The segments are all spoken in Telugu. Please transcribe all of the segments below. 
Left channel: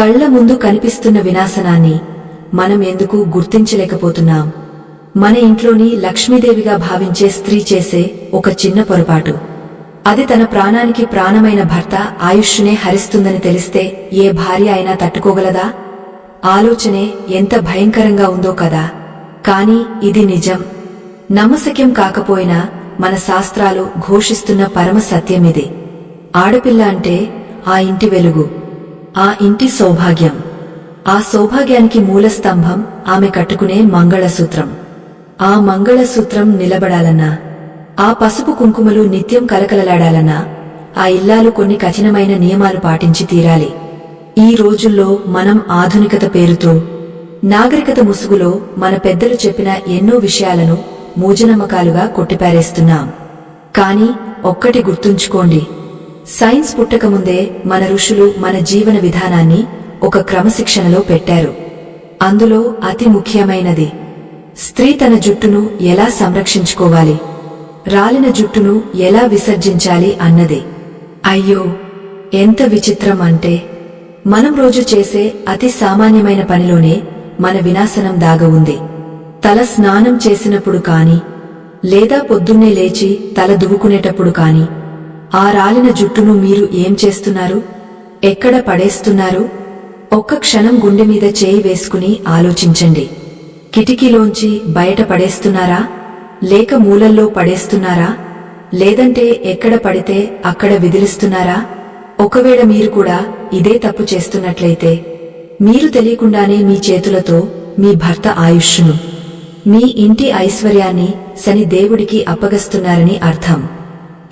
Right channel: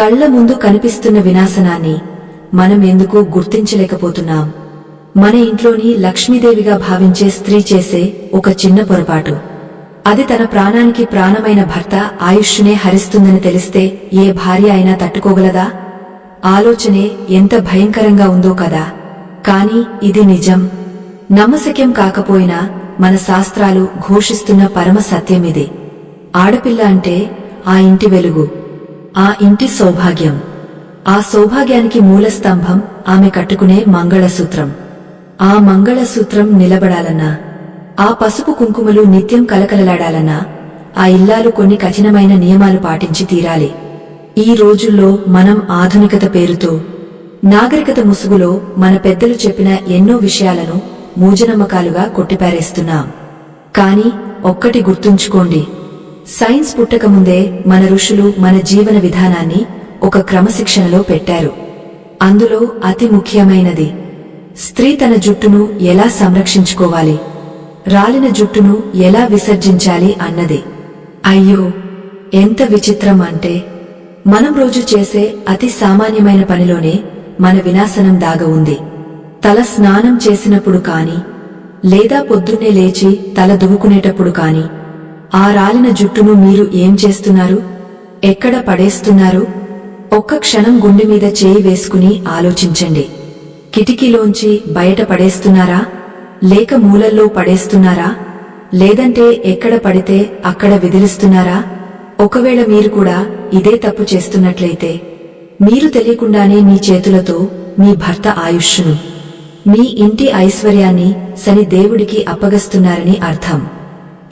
కళ్ల ముందు కనిపిస్తున్న వినాశనాన్ని మనం ఎందుకు గుర్తించలేకపోతున్నాం? మన ఇంట్లోని లక్ష్మీదేవిగా భావించే స్త్రీ చేసే ఒక చిన్న పొరపాటు, అది తన ప్రాణానికి ప్రాణమైన భర్త ఆయుష్నే హరిస్తుందని తెలిస్తే ఏ భార్య అయినా తట్టుకోగలదా? ఆలోచనే ఎంత భయంకరంగా ఉందో కదా. కాని ఇది నిజం. నమ్మశక్యం కాకపోయినా మన శాస్త్రాలు ఘోషిస్తున్న పరమ సత్యమిది. ఆడపిల్ల అంటే ఆ ఇంటి వెలుగు, ఆ ఇంటి సౌభాగ్యం. ఆ సౌభాగ్యానికి మూలస్తంభం ఆమె కట్టుకునే మంగళసూత్రం. ఆ మంగళసూత్రం నిలబడాలన్నా, ఆ పసుపు కుంకుమలు నిత్యం కలకలలాడాలన్నా ఆ ఇల్లాలు కొన్ని కఠినమైన నియమాలు పాటించి తీరాలి. ఈ రోజుల్లో మనం ఆధునికత పేరుతో, నాగరికత ముసుగులో మన పెద్దలు చెప్పిన ఎన్నో విషయాలను మూజనమ్మకాలుగా కొట్టిపారేస్తున్నాం. కాని ఒక్కటి గుర్తుంచుకోండి, సైన్స్ పుట్టకముందే మన ఋషులు మన జీవన విధానాన్ని ఒక క్రమశిక్షణలో పెట్టారు. అందులో అతి ముఖ్యమైనది స్త్రీ తన జుట్టును ఎలా సంరక్షించుకోవాలి, రాలిన జుట్టును ఎలా విసర్జించాలి అన్నది. అయ్యో, ఎంత విచిత్రం అంటే, మనం రోజు చేసే అతి సామాన్యమైన పనిలోనే మన వినాశనం దాగ ఉంది. తల స్నానం చేసినప్పుడు కాని, లేదా పొద్దున్నే లేచి తల దువ్వుకునేటప్పుడు కాని ఆ రాలిన జుట్టును మీరు ఏం చేస్తున్నారు? ఎక్కడ పడేస్తున్నారు? ఒక్క క్షణం గుండె మీద చేయి వేసుకుని ఆలోచించండి. కిటికీలోంచి బయట పడేస్తున్నారా, లేక మూలల్లో పడేస్తున్నారా, లేదంటే ఎక్కడ పడితే అక్కడ విదిలిస్తున్నారా? ఒకవేళ మీరు కూడా ఇదే తప్పు చేస్తున్నట్లయితే మీరు తెలియకుండానే మీ చేతులతో మీ భర్త ఆయుష్ను, మీ ఇంటి ఐశ్వర్యాన్ని శని దేవుడికి అప్పగస్తున్నారని అర్థం.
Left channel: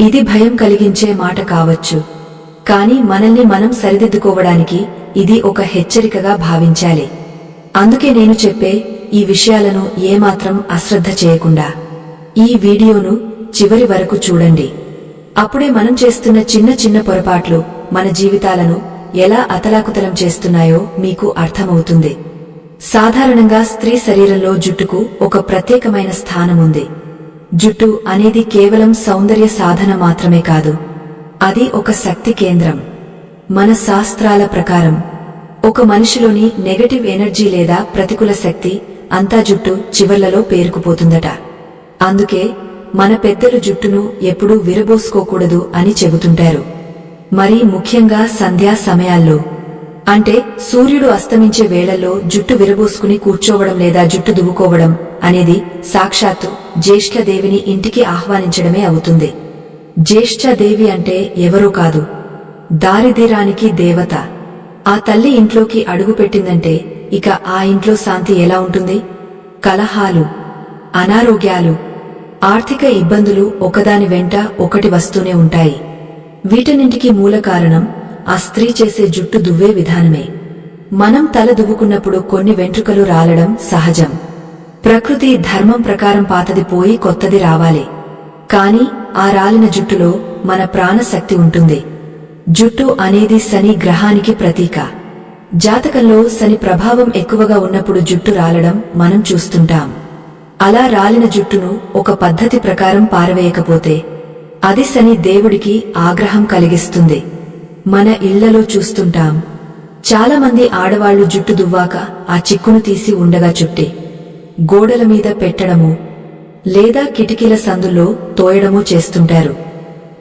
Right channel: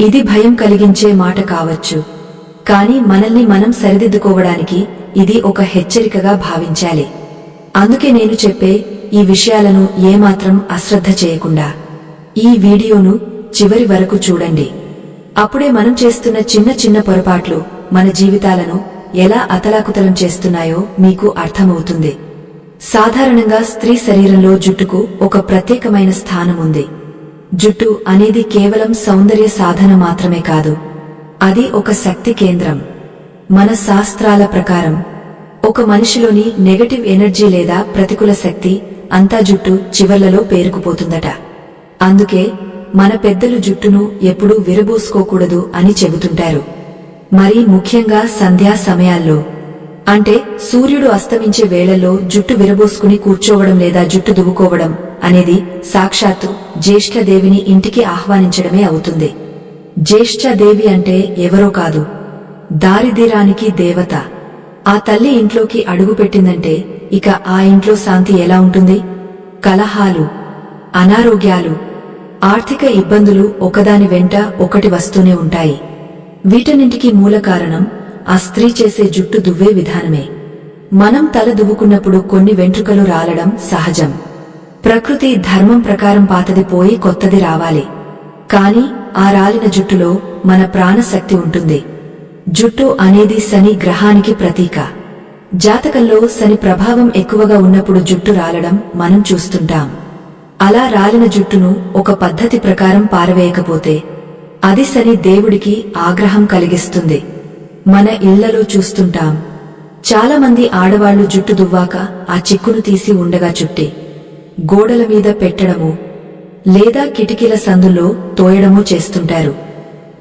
ఇది భయం కలిగించే మాట కావచ్చు, కాని మనల్ని మనం సరిదిద్దుకోవడానికి ఇది ఒక హెచ్చరికగా భావించాలి. అందుకే నేను చెప్పే ఈ విషయాలను ఏమాత్రం అశ్రద్ధ చేయకుండా ఈ వీడియోను చివరి వరకు చూడండి. అప్పుడే మనం చేస్తున్న చిన్న చిన్న పొరపాట్లు మన జీవితాలను ఎలా అతలాకుతలం చేస్తున్నాయో మీకు అర్థమవుతుంది. సాధారణంగా స్త్రీ శరీరంలో జుట్టుకు ఒక ప్రత్యేకమైన స్థానముంది. జుట్టు అనేది కేవలం సౌందర్య సాధన మాత్రమే కాదు, అది ఒక శక్తి కేంద్రం. మన శాస్త్రాల ప్రకారం ఒక మనిషిలోని నెగటివ్ ఎనర్జీ లేదా ప్రతికూల శక్తి అంతా జుట్టు చివర్లలో పేరుకుపోతుందట. అందుకే మన పెద్దలు జుట్టును ఎప్పుడూ విరబోసుకోకూడదు అని చెబుతుంటారు. మరీ ముఖ్యంగా సంధ్యా సమయాల్లో, అంటే సూర్యుడు అస్తమించే వేళల్లో జుట్టు విరబోసుకుని కూర్చోవడం లేదా జుట్టు దువ్వుకోవడం అనేది సాక్షాత్తు జ్యేష్ఠదేవిని ఇంటికి ఆహ్వానించడమే అవుతుంది. జ్యేష్ఠదేవి అంటే ఎవరో కాదు, దారిద్ర్యానికి దేవత. ఆ తల్లి ఇంట్లోకి అడుగుపెట్టిందంటే ఇక ఆ ఇంట్లో శాంతి ఎలా ఉంటుంది? కలహాలు, అనారోగ్యాలు, ఆర్థిక ఇబ్బందులు ఒకదాని వెంట ఒకటి వస్తూనే ఉంటాయి. వీటన్నింటికీ మూల కారణం ఆ స్త్రీ చేసే జుట్టు దువ్వే విధానమే. మనం తల దువ్వుకున్నప్పుడు కొన్ని వెంట్రుకలు రాలడం సహజం. ప్రకృతి ధర్మం ప్రకారం పాతది పోయి కొత్తది రావాలి. కాని ఆ రాలిన జుట్టులో మన ప్రాణశక్తి ఉంటుంది. జుట్టు అనేది శని గ్రహానికి ప్రతీక. జాతకంలో శని ప్రభావం ఎక్కువగా ఉన్నప్పుడు జుట్టు రాలడం మనం చూస్తుంటాం. అలా రాలిన జుట్టును ఒక పద్ధతి ప్రకారం పారవేయకపోతే అది శని దేవుడికి ఆగ్రహం కలిగిస్తుంది. మన ఇళ్లలో చూస్తుంటాం, చాలామంది ఆడవాళ్లు జుట్టు దువ్వాక ఆ చిక్కును తీసి ఉండగా చుట్టి గోడల మీద పెట్టడము లేదా కిటికీల సందుల్లో తోయడమూ చేస్తుంటారు.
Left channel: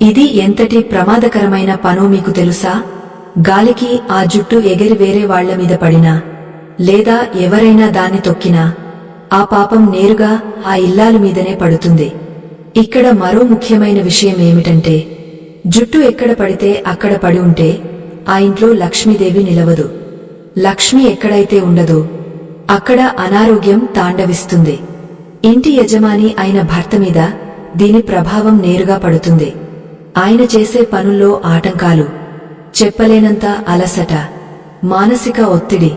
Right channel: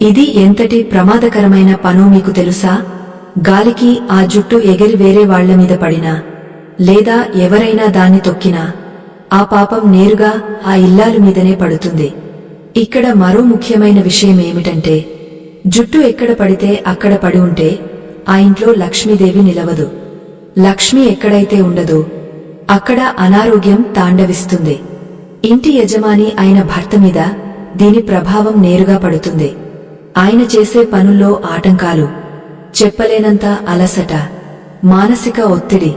ఇది ఎంతటి ప్రమాదకరమైన పనో మీకు తెలుసా? గాలికి ఆ జుట్టు ఎగిరి వేరే వాళ్ల మీద పడినా లేదా ఎవరైనా దాన్ని తొక్కినా ఆ పాపం నేరుగా ఆ ఇల్లాలు మీదనే పడుతుంది. ఇక్కడ మరో ముఖ్యమైన విషయం ఏమిటంటే, జుట్టు ఎక్కడ పడితే అక్కడ పడి ఉంటే ఆ ఇంట్లో లక్ష్మీదేవి నిలవదు. లక్ష్మి ఎక్కడైతే ఉండదో అక్కడ అనారోగ్యం తాండవిస్తుంది. ఇంటి యజమాని అయిన భర్త మీద దీని ప్రభావం నేరుగా పడుతుంది. ఆయన చేసే పనుల్లో ఆటంకాలు, చెప్పలేనంత అలసట, మానసిక ఒత్తిడి,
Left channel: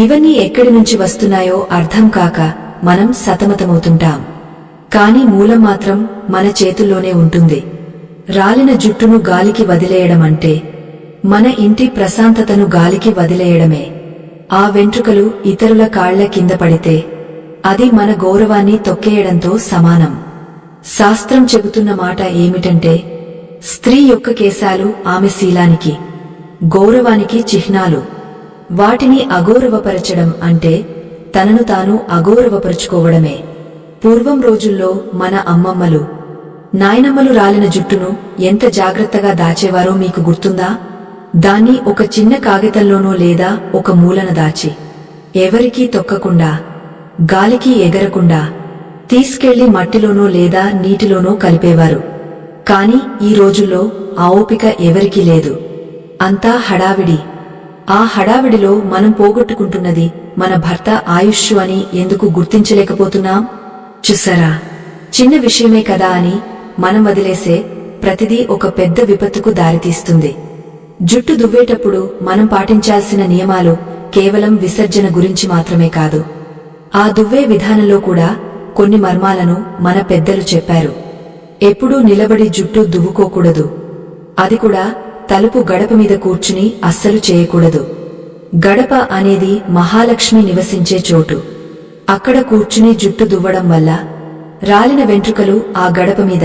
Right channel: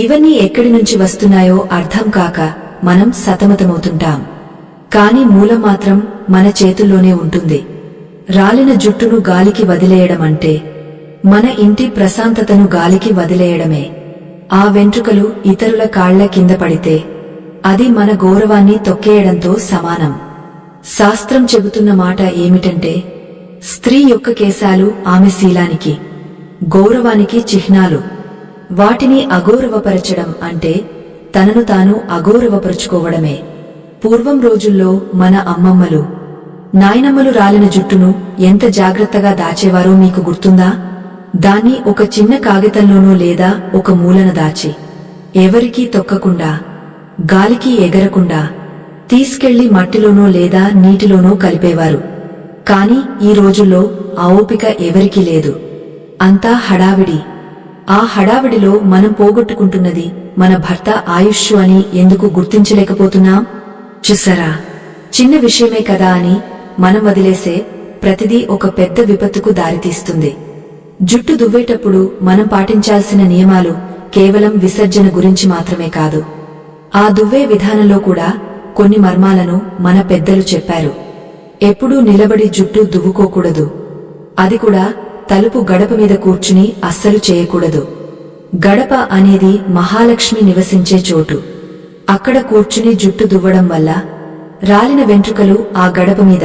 ఇవన్నీ ఎక్కడి నుంచి వస్తున్నాయో అర్థం కాక మనం సతమతమవుతుంటాం. కాని మూలం మాత్రం మన చేతుల్లోనే ఉంటుంది. రాలిన జుట్టును గాలికి వదిలేయడమంటే మన ఇంటి ప్రశాంతతను గాలికి వదిలేయడమే. ఆ వెంట్రుకలు ఇతరుల కాళ్ల కింద పడితే అది మన గౌరవాన్ని తొక్కేయడంతో సమానం. శాస్త్రం చెబుతున్న మాట ఏమిటంటే, స్త్రీ యొక్క కేశాలు ఆమె శీలానికి, గౌరవానికి చిహ్నాలు. వాటిని అగౌరవపరచడం అంటే తనను తాను అగౌరవపరుచుకోవడమే. పూర్వం రోజుల్లో మన అమ్మమ్మలు, నాయనమ్మలు రాలిన జుట్టును ఎంత జాగ్రత్తగా దాచేవారో మీకు గుర్తుందా? దాన్ని ఒక చిన్న కాగితంలోనో లేదా ఒక మూలన దాచి, ఎవరికీ తొక్కకుండా, గాలికి ఎగరకుండా తీసుకెళ్లి మట్టిలోనో లేదా నీటిలోనో కలిపేవారు. కాని ఈ రోజుల్లో ఆ ఓపిక ఎవరికీ లేదు. అంతా హడావిడి. ఆ హడావిడిలో మనం పోగొట్టుకుంటున్నది మన భర్త ఆయుష్షు అని ఎందుకు గుర్తించలేకపోతున్నాం? చూసారా, చిన్న విషయమే కదా అని మనం వదిలేసే ప్రతిదీ ఒక పెద్ద విపత్తుకు దారితీస్తుంది. జుట్టు దువ్వేటప్పుడు మనం పాటించాల్సిన నియమాలు కేవలం విసర్జన గురించి మాత్రమే కాదు, ఆ దువ్వే విధానంలో కూడా కొన్ని మర్మాలను మన పెద్దలు చెప్పారు. ఎప్పుడూ నిలబడి జుట్టు దువ్వుకోకూడదు. అది కూడా తలుపు గడప మీద కూర్చుని అస్సలు చేయకూడదు. గడప అనేది మహాలక్ష్మి నివసించే చోటు. అక్కడ కూర్చుని జుట్టు దువ్వడం వల్ల రాలిన వెంట్రుకలు ఆ గడప మీద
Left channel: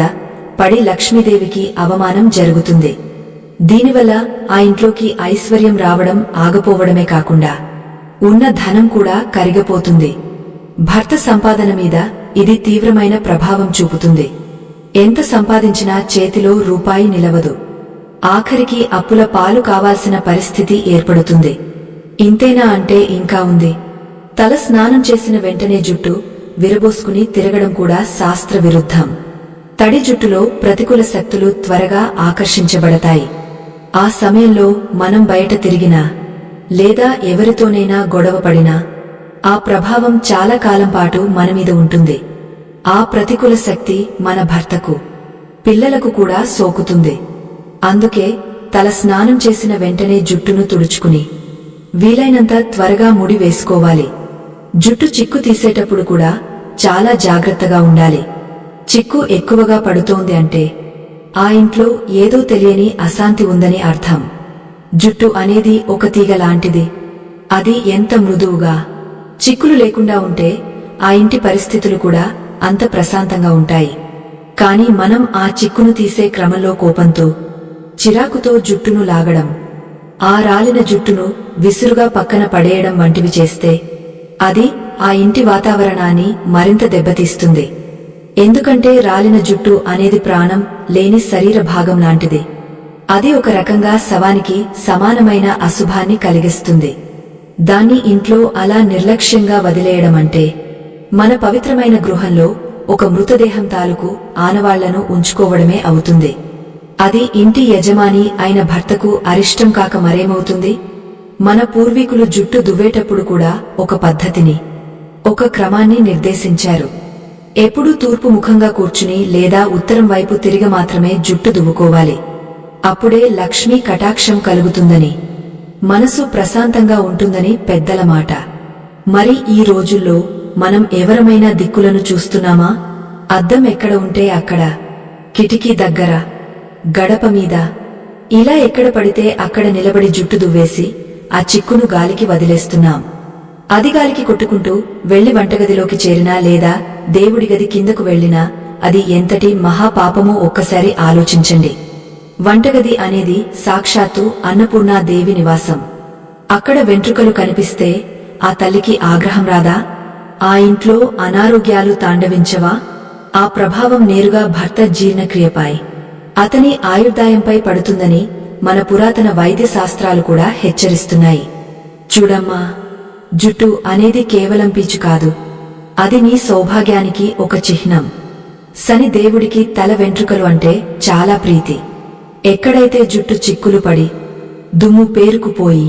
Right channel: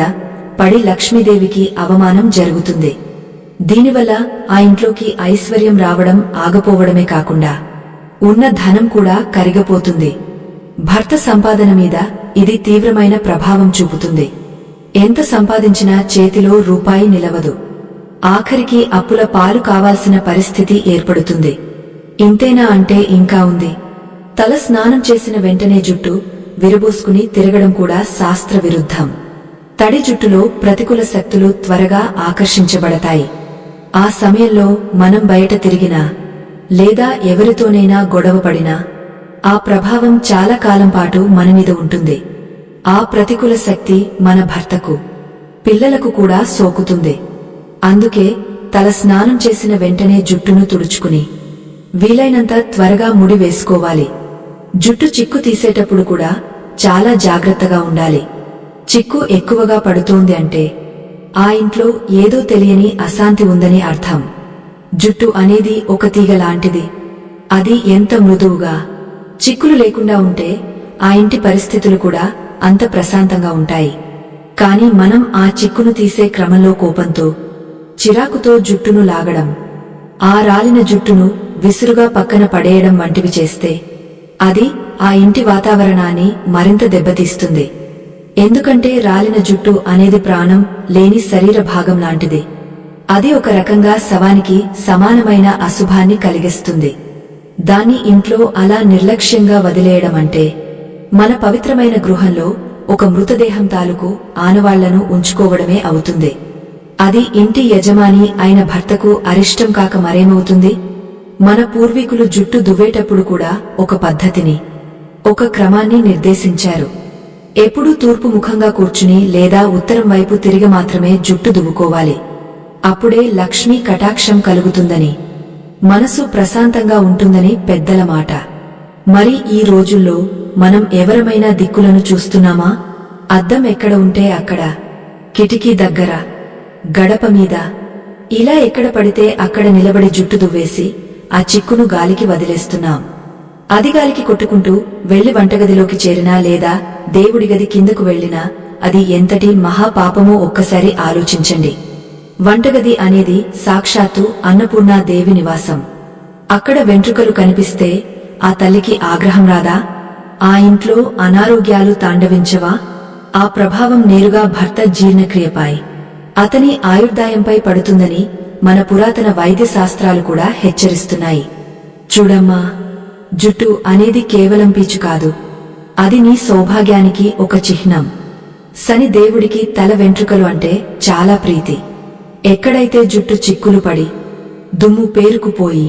పడి లక్ష్మీదేవికి అవమానం జరుగుతుంది. దీనివల్ల ఆ ఇంట్లోకి ఐశ్వర్యం రావడం ఆగపోవడమే కాకుండా ఉన్న ధనం కూడా కరిగపోతుంది. భర్త సంపాదన మీద ఇది తీవ్రమైన ప్రభావం చూపుతుంది. ఎంత సంపాదించినా చేతిలో రూపాయి నిలవదు. ఆఖరికి అప్పుల పాలు కావాల్సిన పరిస్థితి ఏర్పడుతుంది. ఇంతేనా అంటే ఇంకా ఉంది. తల స్నానం చేసిన వెంటనే జుట్టు విరబోసుకుని తిరగడం కూడా శాస్త్ర విరుద్ధం. తడి జుట్టులో ప్రతికూల శక్తులు త్వరగా ఆకర్షించబడతాయి. ఆ సమయంలో మనం బయట తిరిగినా లేదా ఎవరితోనైనా గొడవపడినా ఆ ప్రభావం చాలా కాలం పాటు మనమీద ఉంటుంది. ఆ ప్రతికూల శక్తి మన భర్తకు, పిల్లలకు కూడా సోకుతుంది. అందుకే తల స్నానం చేసిన వెంటనే జుట్టును తుడుచుకుని వీలైనంత త్వరగా ముడి వేసుకోవాలి. జుట్టు చిక్కు తీసేటప్పుడు కూడా చాలా జాగ్రత్తగా ఉండాలి. చిక్కు ఎక్కువగా పడుతోంది అంటే ఆ ఇంట్లో ఏదో తెలియని అశాంతి ఉందని అర్థం. జుట్టు అనేది ఒక తీగ లాంటిది. అది ఎంత మృదువుగా, చిక్కులు లేకుండా ఉంటే ఆ ఇంటి పరిస్థితులు కూడా అంత ప్రశాంతంగా ఉంటాయి. కాని మనం ఆ చిక్కును తీసే క్రమంలో కోపంతో, చిరాకుతో జుట్టును లాగడం, ఆ రాలిన జుట్టును విసురుగా పక్కన పడేయడం వంటివి చేస్తే అది ఆ ఇంటి వాతావరణాన్ని మరింత దెబ్బతీస్తుంది. ఎందుకంటే రాలిన జుట్టు అనేది ప్రాణం లేని శరీర భాగం లాంటిది. అది ఒక రకంగా శవానికి సమానమైన అశుభాన్ని కలిగిస్తుంది. దాన్ని ఇంట్లో అలా నిర్లక్ష్యంగా వదిలేయడమంటే మన పవిత్రమైన గృహంలో ఒక మృతదేహం తాలూకు ఆనవాళ్లను ఉంచుకోవడమే అవుతుంది. అది ఇంటి యజమాని అయిన భర్తకు అరిష్టం కాక మరేమవుతుంది? మన పూర్వీకులు జుట్టు దువ్వేటప్పుడు కూడా ఒక పద్ధతిని, ఒక క్రమాన్ని నిర్దేశించారు. ఎప్పుడూ తూర్పు ముఖంగా కూర్చుని లేదా ఉత్తరం వైపు తిరిగి మాత్రమే జుట్టు దువ్వుకోవాలి. అప్పుడే లక్ష్మీ కటాక్షం కలుగుతుందని, మనసు ప్రశాంతంగా ఉంటుందని పెద్దల మాట. మరి ఈ రోజుల్లో మనం ఎవరమైనా దిక్కులను చూస్తున్నామా? అద్దం ఎక్కడ ఉంటే అక్కడ, కిటికీ దగ్గర, గడప మీద, ఇలా ఎక్కడ పడితే అక్కడ నిలబడి జుట్టు దువ్వేసి ఆ చిక్కును గాలికి వదిలేస్తున్నాం. అది గాలికి కొట్టుకుంటూ వెళ్లి వంటగదిలోకి చేరినా లేదా దేవుడి గది కిందకు వెళ్లినా అది ఎంతటి మహాపాపమో ఒక్కసారి ఆలోచించండి. వంటగది అనేది సాక్షాత్తు అన్నపూర్ణాదేవి నివాసం. అక్కడ వెంట్రుకలు కనిపిస్తే ఆ తల్లికి ఆగ్రహం రాదా? ఆ ఇంట్లో అనారోగ్యాలు తాండవించవా? ఆ ప్రభావం నేరుగా భర్త జీర్ణక్రియపై, అతని ఆయుర్దాయంపై పడుతుందని మన పురాతన వైద్య శాస్త్రాలు కూడా హెచ్చరిస్తున్నాయి. చూడమ్మా, జుట్టు అనేది కేవలం పీచు కాదు, అది నీ సౌభాగ్యానికి ఒక చిహ్నం. శని దేవుడికి తల వెంట్రుకలు అంటే చాలా ప్రీతి. ఎక్కడైతే జుట్టు చిక్కులు పడి దుమ్ము పేరుకుపోయి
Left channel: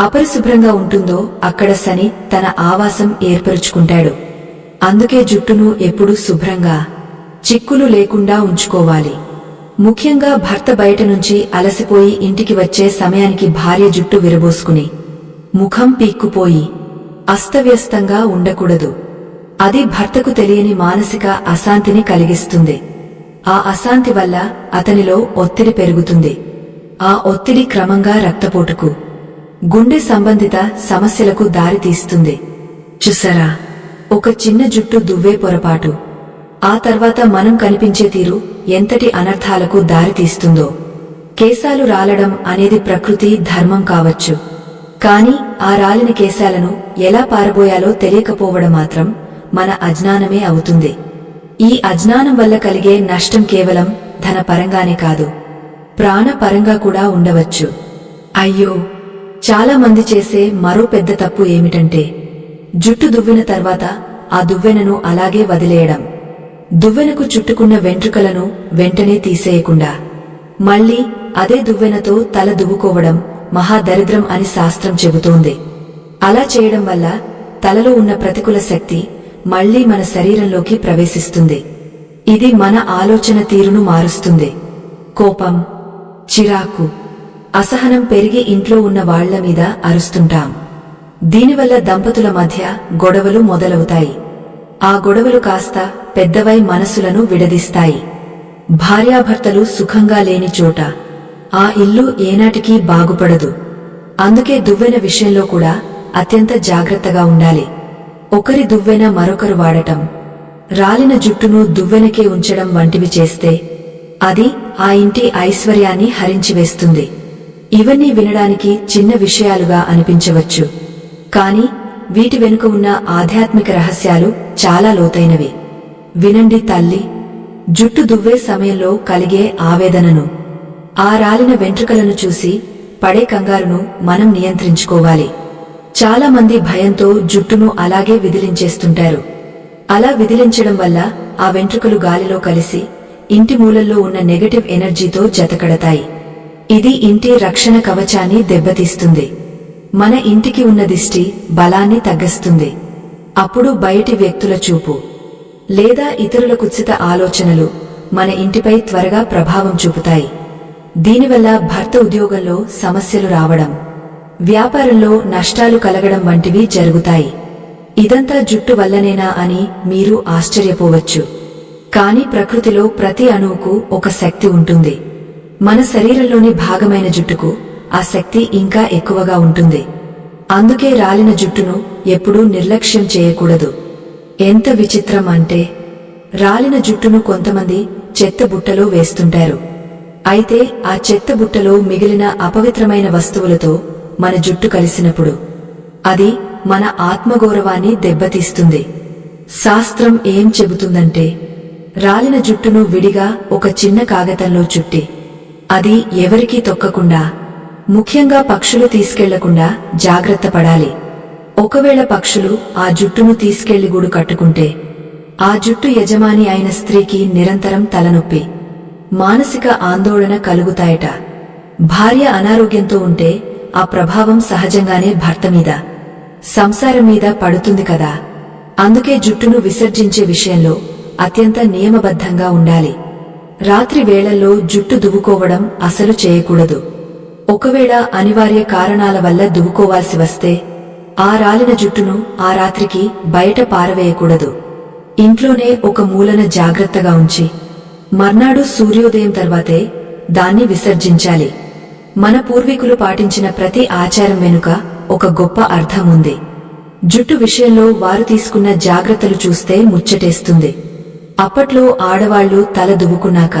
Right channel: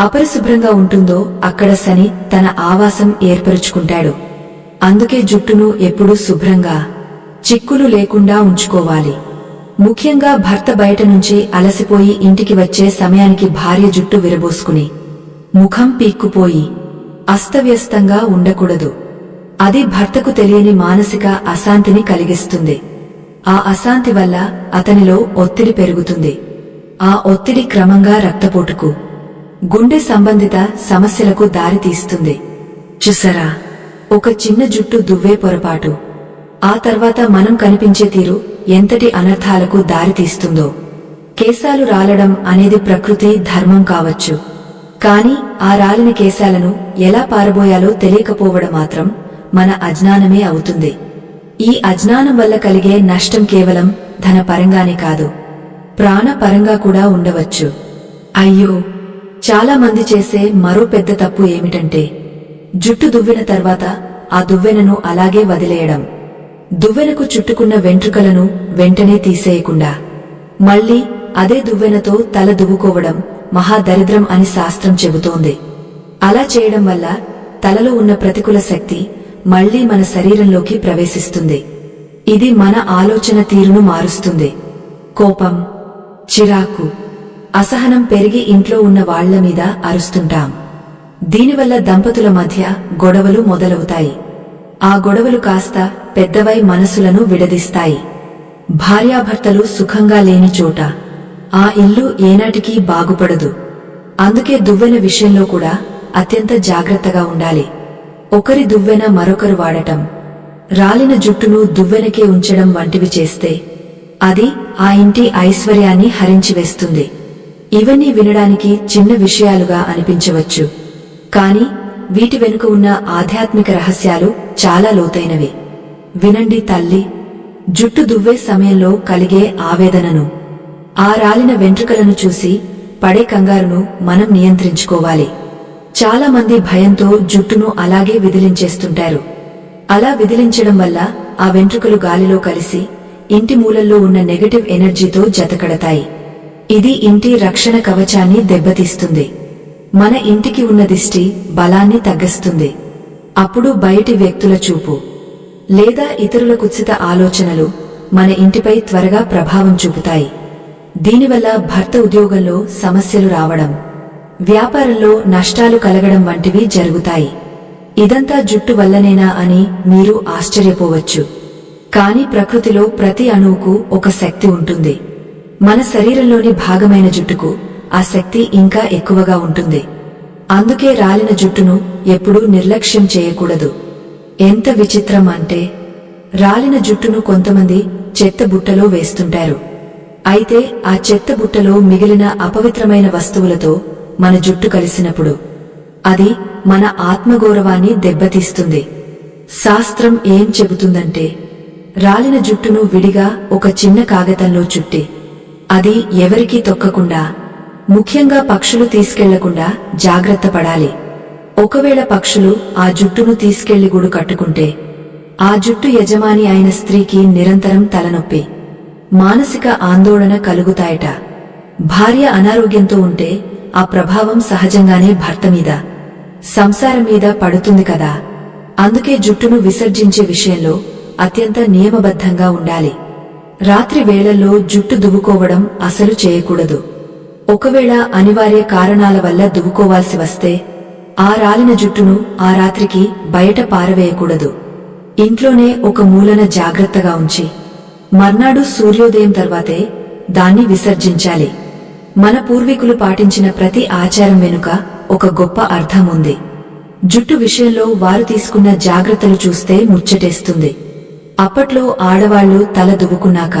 అపరిశుభ్రంగా ఉంటుందో అక్కడ శని తన ఆవాసం ఏర్పరుచుకుంటాడు. అందుకే జుట్టును ఎప్పుడూ శుభ్రంగా, చిక్కులు లేకుండా ఉంచుకోవాలి. ముఖ్యంగా భర్త బయట నుంచి అలసిపోయి ఇంటికి వచ్చే సమయానికి భార్య జుట్టు విరబోసుకుని ముఖం పీక్కుపోయి అస్తవ్యస్తంగా ఉండకూడదు. అది భర్తకు తెలియని మానసిక అశాంతిని కలిగిస్తుంది. ఆ అశాంతి వల్ల అతనిలో ఒత్తిడి పెరుగుతుంది. ఆ ఒత్తిడి క్రమంగా రక్తపోటుకు, గుండె సంబంధిత సమస్యలకు దారితీస్తుంది. చూసారా, ఒక చిన్న జుట్టు దువ్వే పొరపాటు ఆ తర్వాత మనం కనిపించే తీరు ఎంతటి అనర్థాలకు దారితీస్తుందో. కేశాలు రాలడం అనేది ప్రకృతి ధర్మం కావచ్చు, కాని ఆ రాలిన కేశాలను ఎలా పారబోయాలో తెలియకపోవడం మాత్రం మన అజ్ఞానమే అవుతుంది. ఈ అజ్ఞానం వల్ల కలిగే నష్టం కేవలం ధనపరంగానే కాదు, ప్రాణపరంగా కూడా ఉండవచ్చు. అయ్యో, చాలా మంది చేసే మరో పెద్ద తప్పు ఏమిటంటే జుట్టు దువ్విన తర్వాత ఆ దువ్వెనను అలాగే వదిలేయడం. దువ్వెనకు చుట్టుకున్న వెంట్రుకలను వెంటనే తీసేయకుండా మళ్లీ అదే దువ్వెనతో తల దువ్వుకోవడం మహాదరిద్రం అని శాస్త్రం చెబుతోంది. అలా చేయడం వల్ల తలలో ఉన్న ప్రతికూల శక్తి మళ్లీ మన శరీరంలోకి ప్రవేశిస్తుంది. ఇది మన ఆలోచన తీరును మారుస్తుంది. కోపం, చిరాకు, అసహనం పెరిగి ఇంట్లో ఉన్న వాళ్ల మీద అరుస్తుంటాం. దీనివల్ల దంపతుల మధ్య గొడవలు మొదలవుతాయి. ఆ గొడవలు కాస్త పెద్దవై మనసులను విడదీస్తాయి. భార్యాభర్తలు సుఖంగా లేని చోట ఆ ఇల్లు ఏనాటికీ బాగుపడదు. అందుకే దువ్వెన విషయంలో కూడా అత్యంత జాగ్రత్తగా ఉండాలి. ఒకరి దువ్వెన మరొకరు వాడటం, రాలిన జుట్టును దువ్వెనకే ఉంచడం వంటివి చేస్తే అది ఆ ఇంటి ఐశ్వర్యాన్ని హరించివేస్తుంది. ఇవన్నీ వినడానికి చిన్న విషయాలుగా అనిపించవచ్చు, కాని వీటి వెనుక ఉన్న ఆధ్యాత్మిక రహస్యాలు చాలా లోతైనవి. వినండి తల్లి. జుట్టు దువ్వే సమయంలో కలిగే ఆవేదనను, ఆ రాలిన వెంట్రుకలను చూసి పడే కంగారును మనం నియంత్రించుకోవాలి. చాలా మంది భయంతో జుట్టును అలాగే విదిలించేస్తుంటారు. అలా విదిలించడం వల్ల ఆ వెంట్రుకలు గాలిలో కలిసి ఇంటి మూలల్లో ఉన్న నెగటివ్ ఎనర్జీతో జతకడతాయి. ఇది ఇంటి రక్షణ కవచాన్ని దెబ్బతీస్తుంది. మన ఇంటికి ఉన్న దిష్టి బలాన్ని తగ్గిస్తుంది. అప్పుడు బయటి వ్యక్తుల చూపు లేదా ఇతరుల కుత్సిత ఆలోచనలు మన ఇంటిపై త్వరగా ప్రభావం చూపుతాయి. దీనివల్ల భర్త ఉద్యోగంలో సమస్యలు రావడం, వ్యాపారంలో నష్టాలు కలగడం వంటివి జరుగుతాయి. ఇదంతా జుట్టు వల్లనేనా అని మీరు ఆశ్చర్యపోవచ్చు. కాని ప్రకృతిలో ప్రతి అణువుకు ఒక శక్తి ఉంటుంది. మన శరీరంలోని భాగమైన జుట్టుకు ఆ శక్తి ఇంకా ఎక్కువగా ఉంటుంది. అందుకే రాలిన జుట్టును ఎప్పుడూ నిర్లక్ష్యం చేయకూడదు. ఎంత విచిత్రం అంటే, రాలిన జుట్టును కొంతమంది చెత్త బుట్టలో వేస్తుంటారు. అయితే ఆ చెత్త బుట్టలో మిగిలిన అపవిత్రమైన వస్తువులతో మన జుట్టు కలిసినప్పుడు అది మన ఆత్మగౌరవాన్ని దెబ్బతీస్తుంది. శాస్త్రం ఏం చెబుతుందంటే, రాలిన జుట్టును విడిగా ఒక చిన్న కాగితంలో చుట్టి అది ఎవరికీ తొక్కకుండా, ముఖ్యంగా పక్షులు తీసుకెళ్లకుండా జాగ్రత్త పడాలి. ఒకవేళ పక్షులు ఆ జుట్టును తీసుకెళ్లి గూడు కట్టుకుంటే ఆ జుట్టు యజమాని అయిన స్త్రీకి నిరంతరం తలనొప్పి, మానసిక ఆందోళన కలుగుతాయట. భార్య అనారోగ్యంతో ఉంటే ఆ ప్రభావం సహజంగానే భర్త మీద, సంసారం మీద పడుతుంది కదా. అందుకే జుట్టును విసర్జించే విషయంలో అత్యంత నియమబద్ధంగా ఉండాలి. రాత్రి వేళల్లో జుట్టు దువ్వుకోవడం అసలు చేయకూడదు. ఒకవేళ అనివార్య కారణాల వల్ల దువ్వుకోవాల్సి వస్తే ఆ రాలిన జుట్టును ఆ రాత్రికి బయట పారవేయకూడదు. ఇంట్లోనే ఒక మూలన జాగ్రత్తగా ఉంచి మర్నాడు సూర్యోదయం తర్వాతే దాన్ని విసర్జించాలి. మన పూర్వీకులు పాటించిన ప్రతి ఆచారం వెనుక ఒక గొప్ప అర్థం ఉంది. జుట్టు విషయంలో వారు తీసుకున్న జాగ్రత్తలు చూస్తే ముచ్చటేస్తుంది. అప్పట్లో ఆడవాళ్లు తల దువ్వుకున్నాక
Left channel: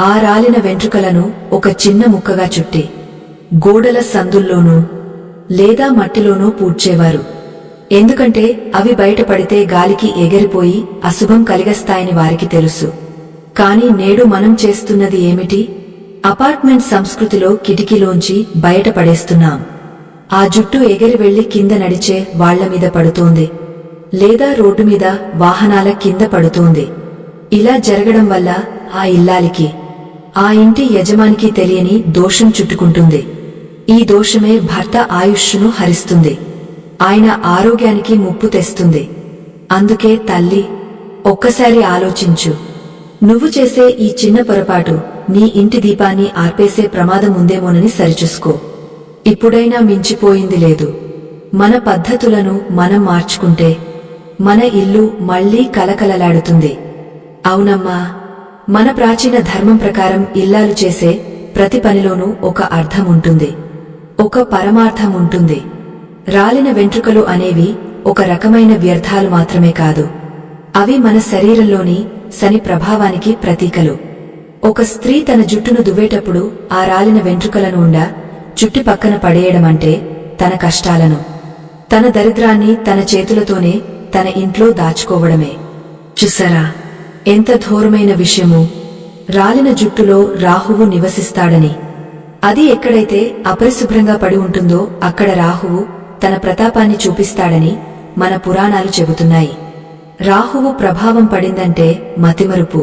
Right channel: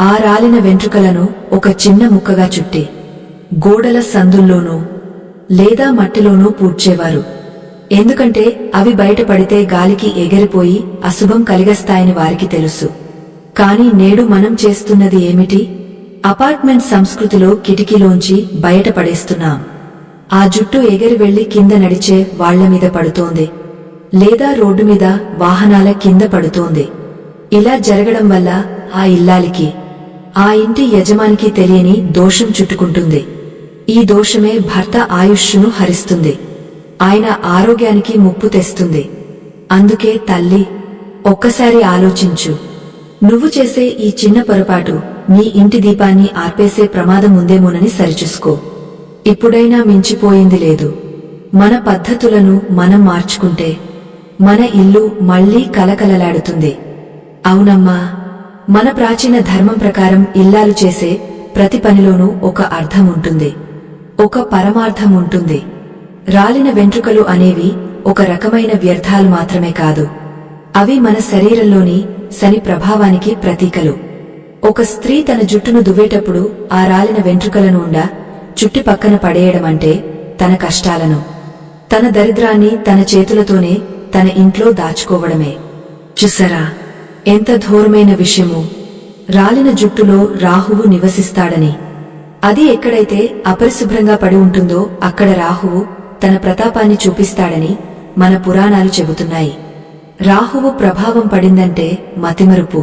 ఆ రాలిన వెంట్రుకలను ఒక చిన్న ముక్కగా చుట్టి గోడల సందుల్లోనూ లేదా మట్టిలోనూ పూడ్చేవారు. ఎందుకంటే అవి బయటపడితే గాలికి ఎగిరిపోయి అశుభం కలిగస్తాయని వారికి తెలుసు. కాని నేడు మనం చేస్తున్నది ఏమిటి? అపార్ట్మెంట్ సంస్కృతిలో కిటికీలోంచి బయటపడేస్తున్నాం. ఆ జుట్టు ఎగిరి వెళ్లి కింద నడిచే వాళ్లమీద పడుతోంది, లేదా రోడ్డు మీద వాహనాల కింద పడుతోంది. ఇలా జరగడం వల్ల ఆ ఇల్లాలికి, ఆ ఇంటి యజమానికి తెలియని దోషం చుట్టుకుంటుంది. ఈ దోషమే భర్త ఆయుష్ను హరిస్తుంది, ఆయన ఆరోగ్యానికి ముప్పు తెస్తుంది. అందుకే తల్లి, ఒక్కసారి ఆలోచించు. నువ్వు చేసే ఈ చిన్న పొరపాటు నీ ఇంటి దీపాన్ని ఆర్పేసే ప్రమాదం ఉందేమోనని సరిచూసుకో. ఇప్పుడైనా మించిపోయింది లేదు. మన పద్ధతులను మనం మార్చుకుంటే మన ఇల్లు మళ్లీ కలకలలాడుతుంది. అవునమ్మా, మన ప్రాచీన ధర్మం ప్రకారం ఇల్లాలు చేసే ప్రతి పనిలోనూ ఒక అర్థం ఉంటుంది, ఒక పరమార్థం ఉంటుంది. రాలిన వెంట్రుకలు అనేవి ఒక రకమైన వ్యర్థాలు మాత్రమే కాదు, అవి మన శరీరంలోని శని ప్రభావానికి ప్రతీకలు. ఒక స్త్రీ తన జుట్టును దువ్వేటప్పుడు ఆ రాలిన వెంట్రుకలను చుట్టి పక్కన పడేయడమంటే తన కష్టాలను, తన దరిద్రాన్ని తన చేతులతోనే తన ఇంట్లో దాచుకోవడమే. చూసారా ఎంత ఘోరమైన విషయము! రాలిన జుట్టులో రాహువు నివసిస్తాడని. అది ఎక్కడైతే అపరిశుభ్రంగా పడి ఉంటుందో అక్కడ రాహువు తన ప్రతాపాన్ని చూపిస్తాడని మన పురాణాలు చెబుతున్నాయి. రాహువు ప్రభావం పడిందంటే మతిమరుపు,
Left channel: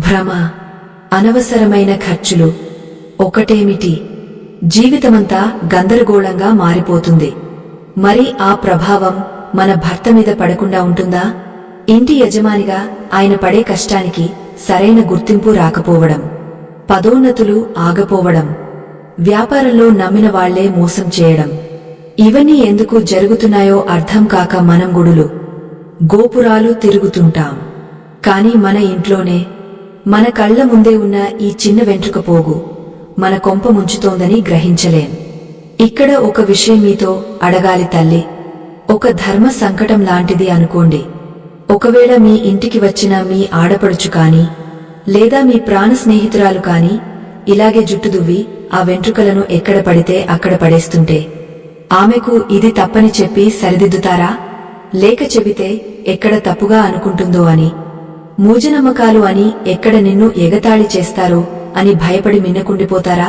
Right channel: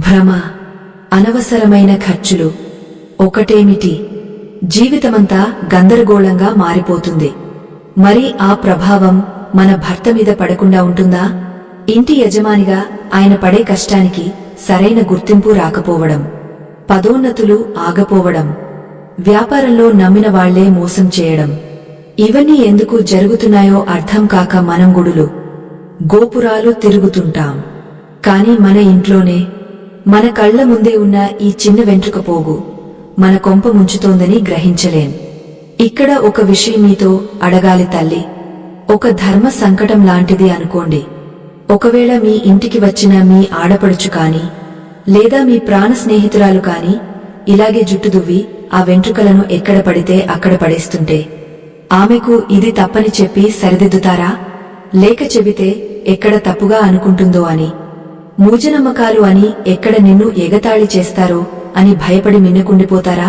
భ్రమ, అనవసరమైన ఖర్చులు, ఒకటేమిటి జీవితమంతా గందరగోళంగా మారిపోతుంది. మరి ఆ ప్రభావం మన భర్త మీద పడకుండా ఉంటుందా? ఇంటి యజమానిగా ఆయన పడే కష్టానికి సరైన గుర్తింపు రాకపోవడం, పదోన్నతులు ఆగపోవడం, వ్యాపారంలో నమ్మిన వాళ్లే మోసం చేయడం, ఇవన్నీ ఎందుకు జరుగుతున్నాయో అర్థం కాక మనం గుడులు, గోపురాలు తిరుగుతుంటాం. కాని మన ఇంట్లోనే మన కళ్ల ముందే ఉన్న ఈ చిన్న వెంట్రుక పోగు మన కొంప ముంచుతోందని గ్రహించలేం. ఇక్కడ ఒక విషయం మీతో అడగాలి తల్లి. ఒక ధర్మ సంకటం లాంటిది అనుకోండి. ఒకవేళ మీ ఇంటికి వచ్చిన మీ ఆడపడుచు కాని లేదా మీ ప్రాణ స్నేహితురాలు కాని ఇలాగే జుట్టు దువ్వి ఆ వెంట్రుకలను ఎక్కడ పడితే అక్కడ పడేస్తుంటే ఆమెకు ఇది తప్పని చెప్పి సరిదిద్దుతారా? లేక చెబితే ఎక్కడ తప్పుగా అనుకుంటుందో అని, మూజనమ్మకాలు అని ఎక్కడ నిన్ను ఎగతాళి చేస్తారో అని భయపడి మిన్నకుండిపోతారా?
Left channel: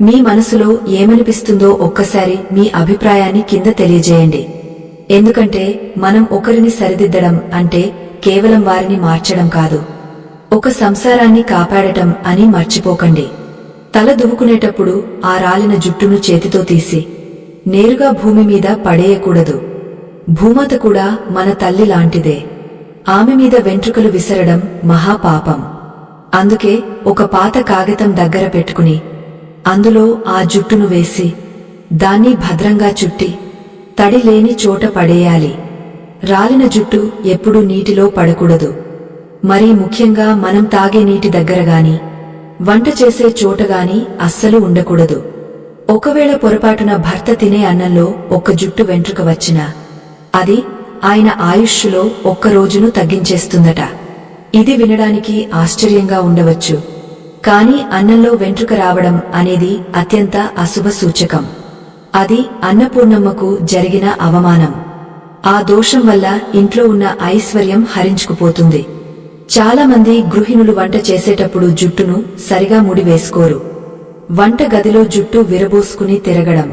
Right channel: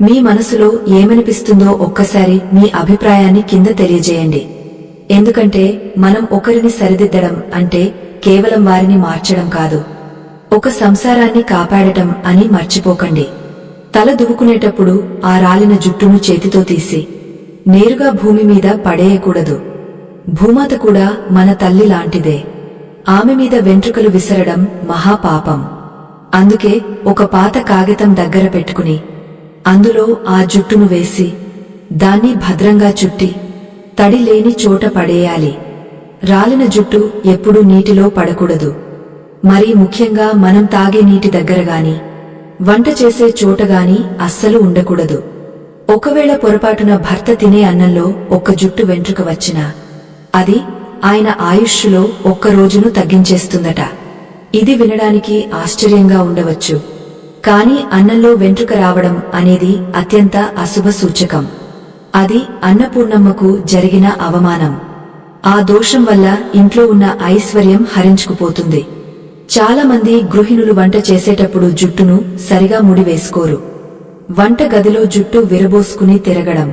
మీ మనసులో ఏమనిపిస్తుందో ఒక్కసారి మీ అభిప్రాయాన్ని కింద తెలియజేయండి. ఎందుకంటే మనం ఒకరిని సరిదిద్దడం అంటే కేవలం వారిని మార్చడం కాదు, ఒక సంసారాన్ని కాపాడటం అని మర్చిపోకండి. తల దువ్వుకునేటప్పుడు ఆ రాలిన జుట్టును చేతితో తీసి నేరుగా భూమి మీద పడేయకూడదు. భూమాత కూడా మన తల్లి లాంటిదే. ఆమె మీద వెంట్రుకలు విసరడం మహాపాపం. అందుకే ఒక పాత కాగితం దగ్గర పెట్టుకుని అందులో ఆ జుట్టును వేసి దాన్ని భద్రంగా చుట్టి తడి లేని చోట పడేయాలి. రాలిన జుట్టు ఎప్పుడూ నీటిలో పడకూడదు. మరీ ముఖ్యంగా మనం తాగే నీటి దగ్గరగాని వంట చేసే చోటగాని అస్సలు ఉండకూడదు. ఒకవేళ పొరపాటున భర్త తినే అన్నంలో ఒక్క జుట్టు వెంట్రుక వచ్చినా అది ఆయన ఆయుష్షులో ఒక్క రోజును తగ్గించేస్తుందట. ఇది వినడానికి ఆశ్చర్యంగా ఉండవచ్చు, కాని అన్నంలో వెంట్రుక రావడం అనేది అత్యంత అశుభ సూచకం. అది అన్నపూర్ణమ్మకు జరిగిన అవమానం. ఆ దోషం వల్ల ఇంట్లో ఉన్న ఐశ్వర్యం హరించుకుపోతుంది. చాలామంది గృహిణులు వంట చేసేటప్పుడు జుట్టును సరిగా ముడివేసుకోరు. వంట గదిలో జుట్టు విరబోసుకుని తిరగడం,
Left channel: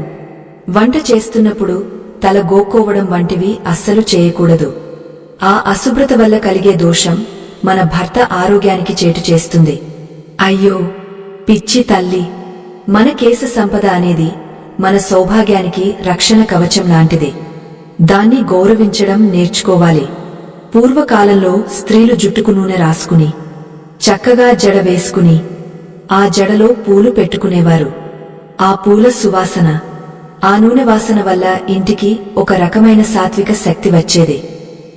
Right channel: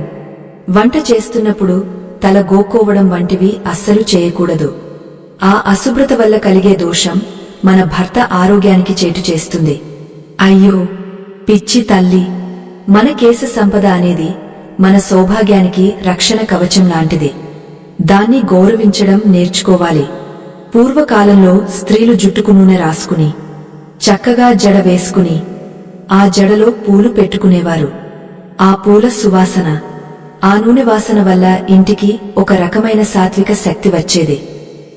వంట చేస్తున్నప్పుడు తల గోక్కోవడం వంటివి అస్సలు చేయకూడదు. ఆ అశుభ్రత వల్ల కలిగే దోషం మన భర్త ఆరోగ్యానికి చేటు చేస్తుంది. అయ్యో పిచ్చి తల్లి! మన కేశ సంపద అనేది మన సౌభాగ్యానికి రక్షణ కవచం లాంటిది. దాన్ని గౌరవించడం నేర్చుకోవాలి. పూర్వకాలంలో స్త్రీలు జుట్టుకు నూనె రాసుకుని చక్కగా జడ వేసుకుని ఆ జడలో పూలు పెట్టుకునేవారు. ఆ పూల సువాసన, ఆ నూనె వాసన వల్ల ఇంటికి ఒక రకమైన సాత్విక శక్తి వచ్చేది.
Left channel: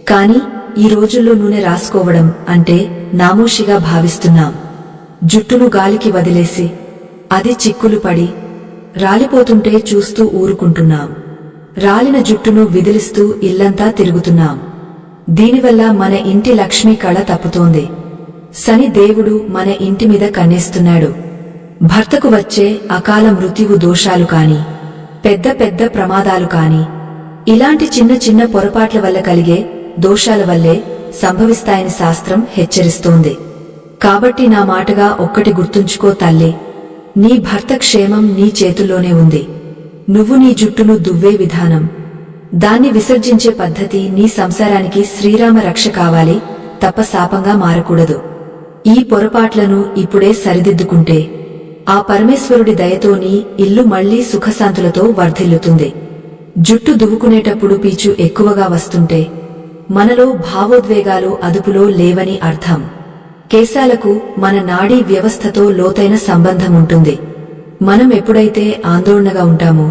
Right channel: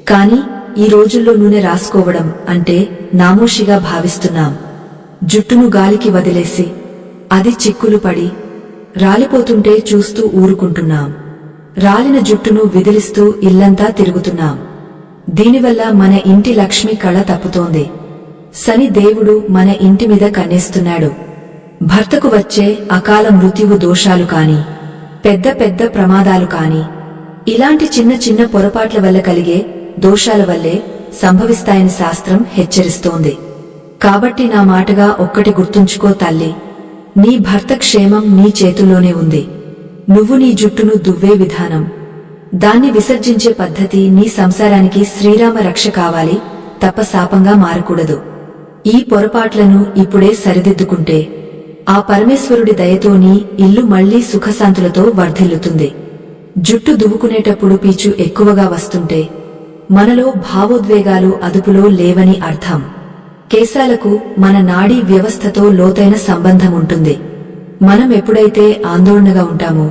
కాని ఈ రోజుల్లో నూనె రాసుకోవడం అంటే నామోషిగా భావిస్తున్నాం. జుట్టును గాలికి వదిలేసి అది చిక్కులు పడి రాలిపోతుంటే చూస్తూ ఊరుకుంటున్నాం. రాలిన జుట్టును విదిలిస్తూ ఇల్లంతా తిరుగుతున్నాం. దీనివల్ల మన ఇంటి లక్ష్మి కళ తప్పుతోంది. శని దేవుడు మన ఇంటి మీద కన్నేస్తున్నాడు. భర్తకు వచ్చే అకాల మృత్యువు దోషాలు కాని, పెద్ద పెద్ద ప్రమాదాలు కాని, ఇలాంటి చిన్న చిన్న పొరపాట్ల వల్ల కలిగే దోషాల వల్లే సంభవిస్తాయని శాస్త్రం హెచ్చరిస్తోంది. కాబట్టి నా మాటగా ఒక్కటి గుర్తుంచుకో తల్లి, నీ భర్త క్షేమం నీ చేతుల్లోనే ఉంది. నువ్వు నీ జుట్టును దువ్వే విధానం, దాన్ని విసర్జించే పద్ధతి నీ సంసారానికి శ్రీరామ రక్ష కావాలి తప్ప శాపంగా మారకూడదు. ఈ పొరపాట్లను ఇప్పుడే సరిదిద్దుకుంటే ఆ పరమేశ్వరుడి దయతో నీ ఇల్లు మళ్లీ సుఖశాంతులతో వర్ధిల్లుతుంది. జుట్టు దువ్వుకునేటప్పుడు పీచు ఎక్కువగా వస్తుంటే మనలో భావోద్వేగాలు అదుపులో లేవని అర్థం. కేశాలకు మన నాడీ వ్యవస్థతో లోతైన సంబంధం ఉంటుంది. మనం ఎప్పుడైతే ఆందోళనగా ఉంటామో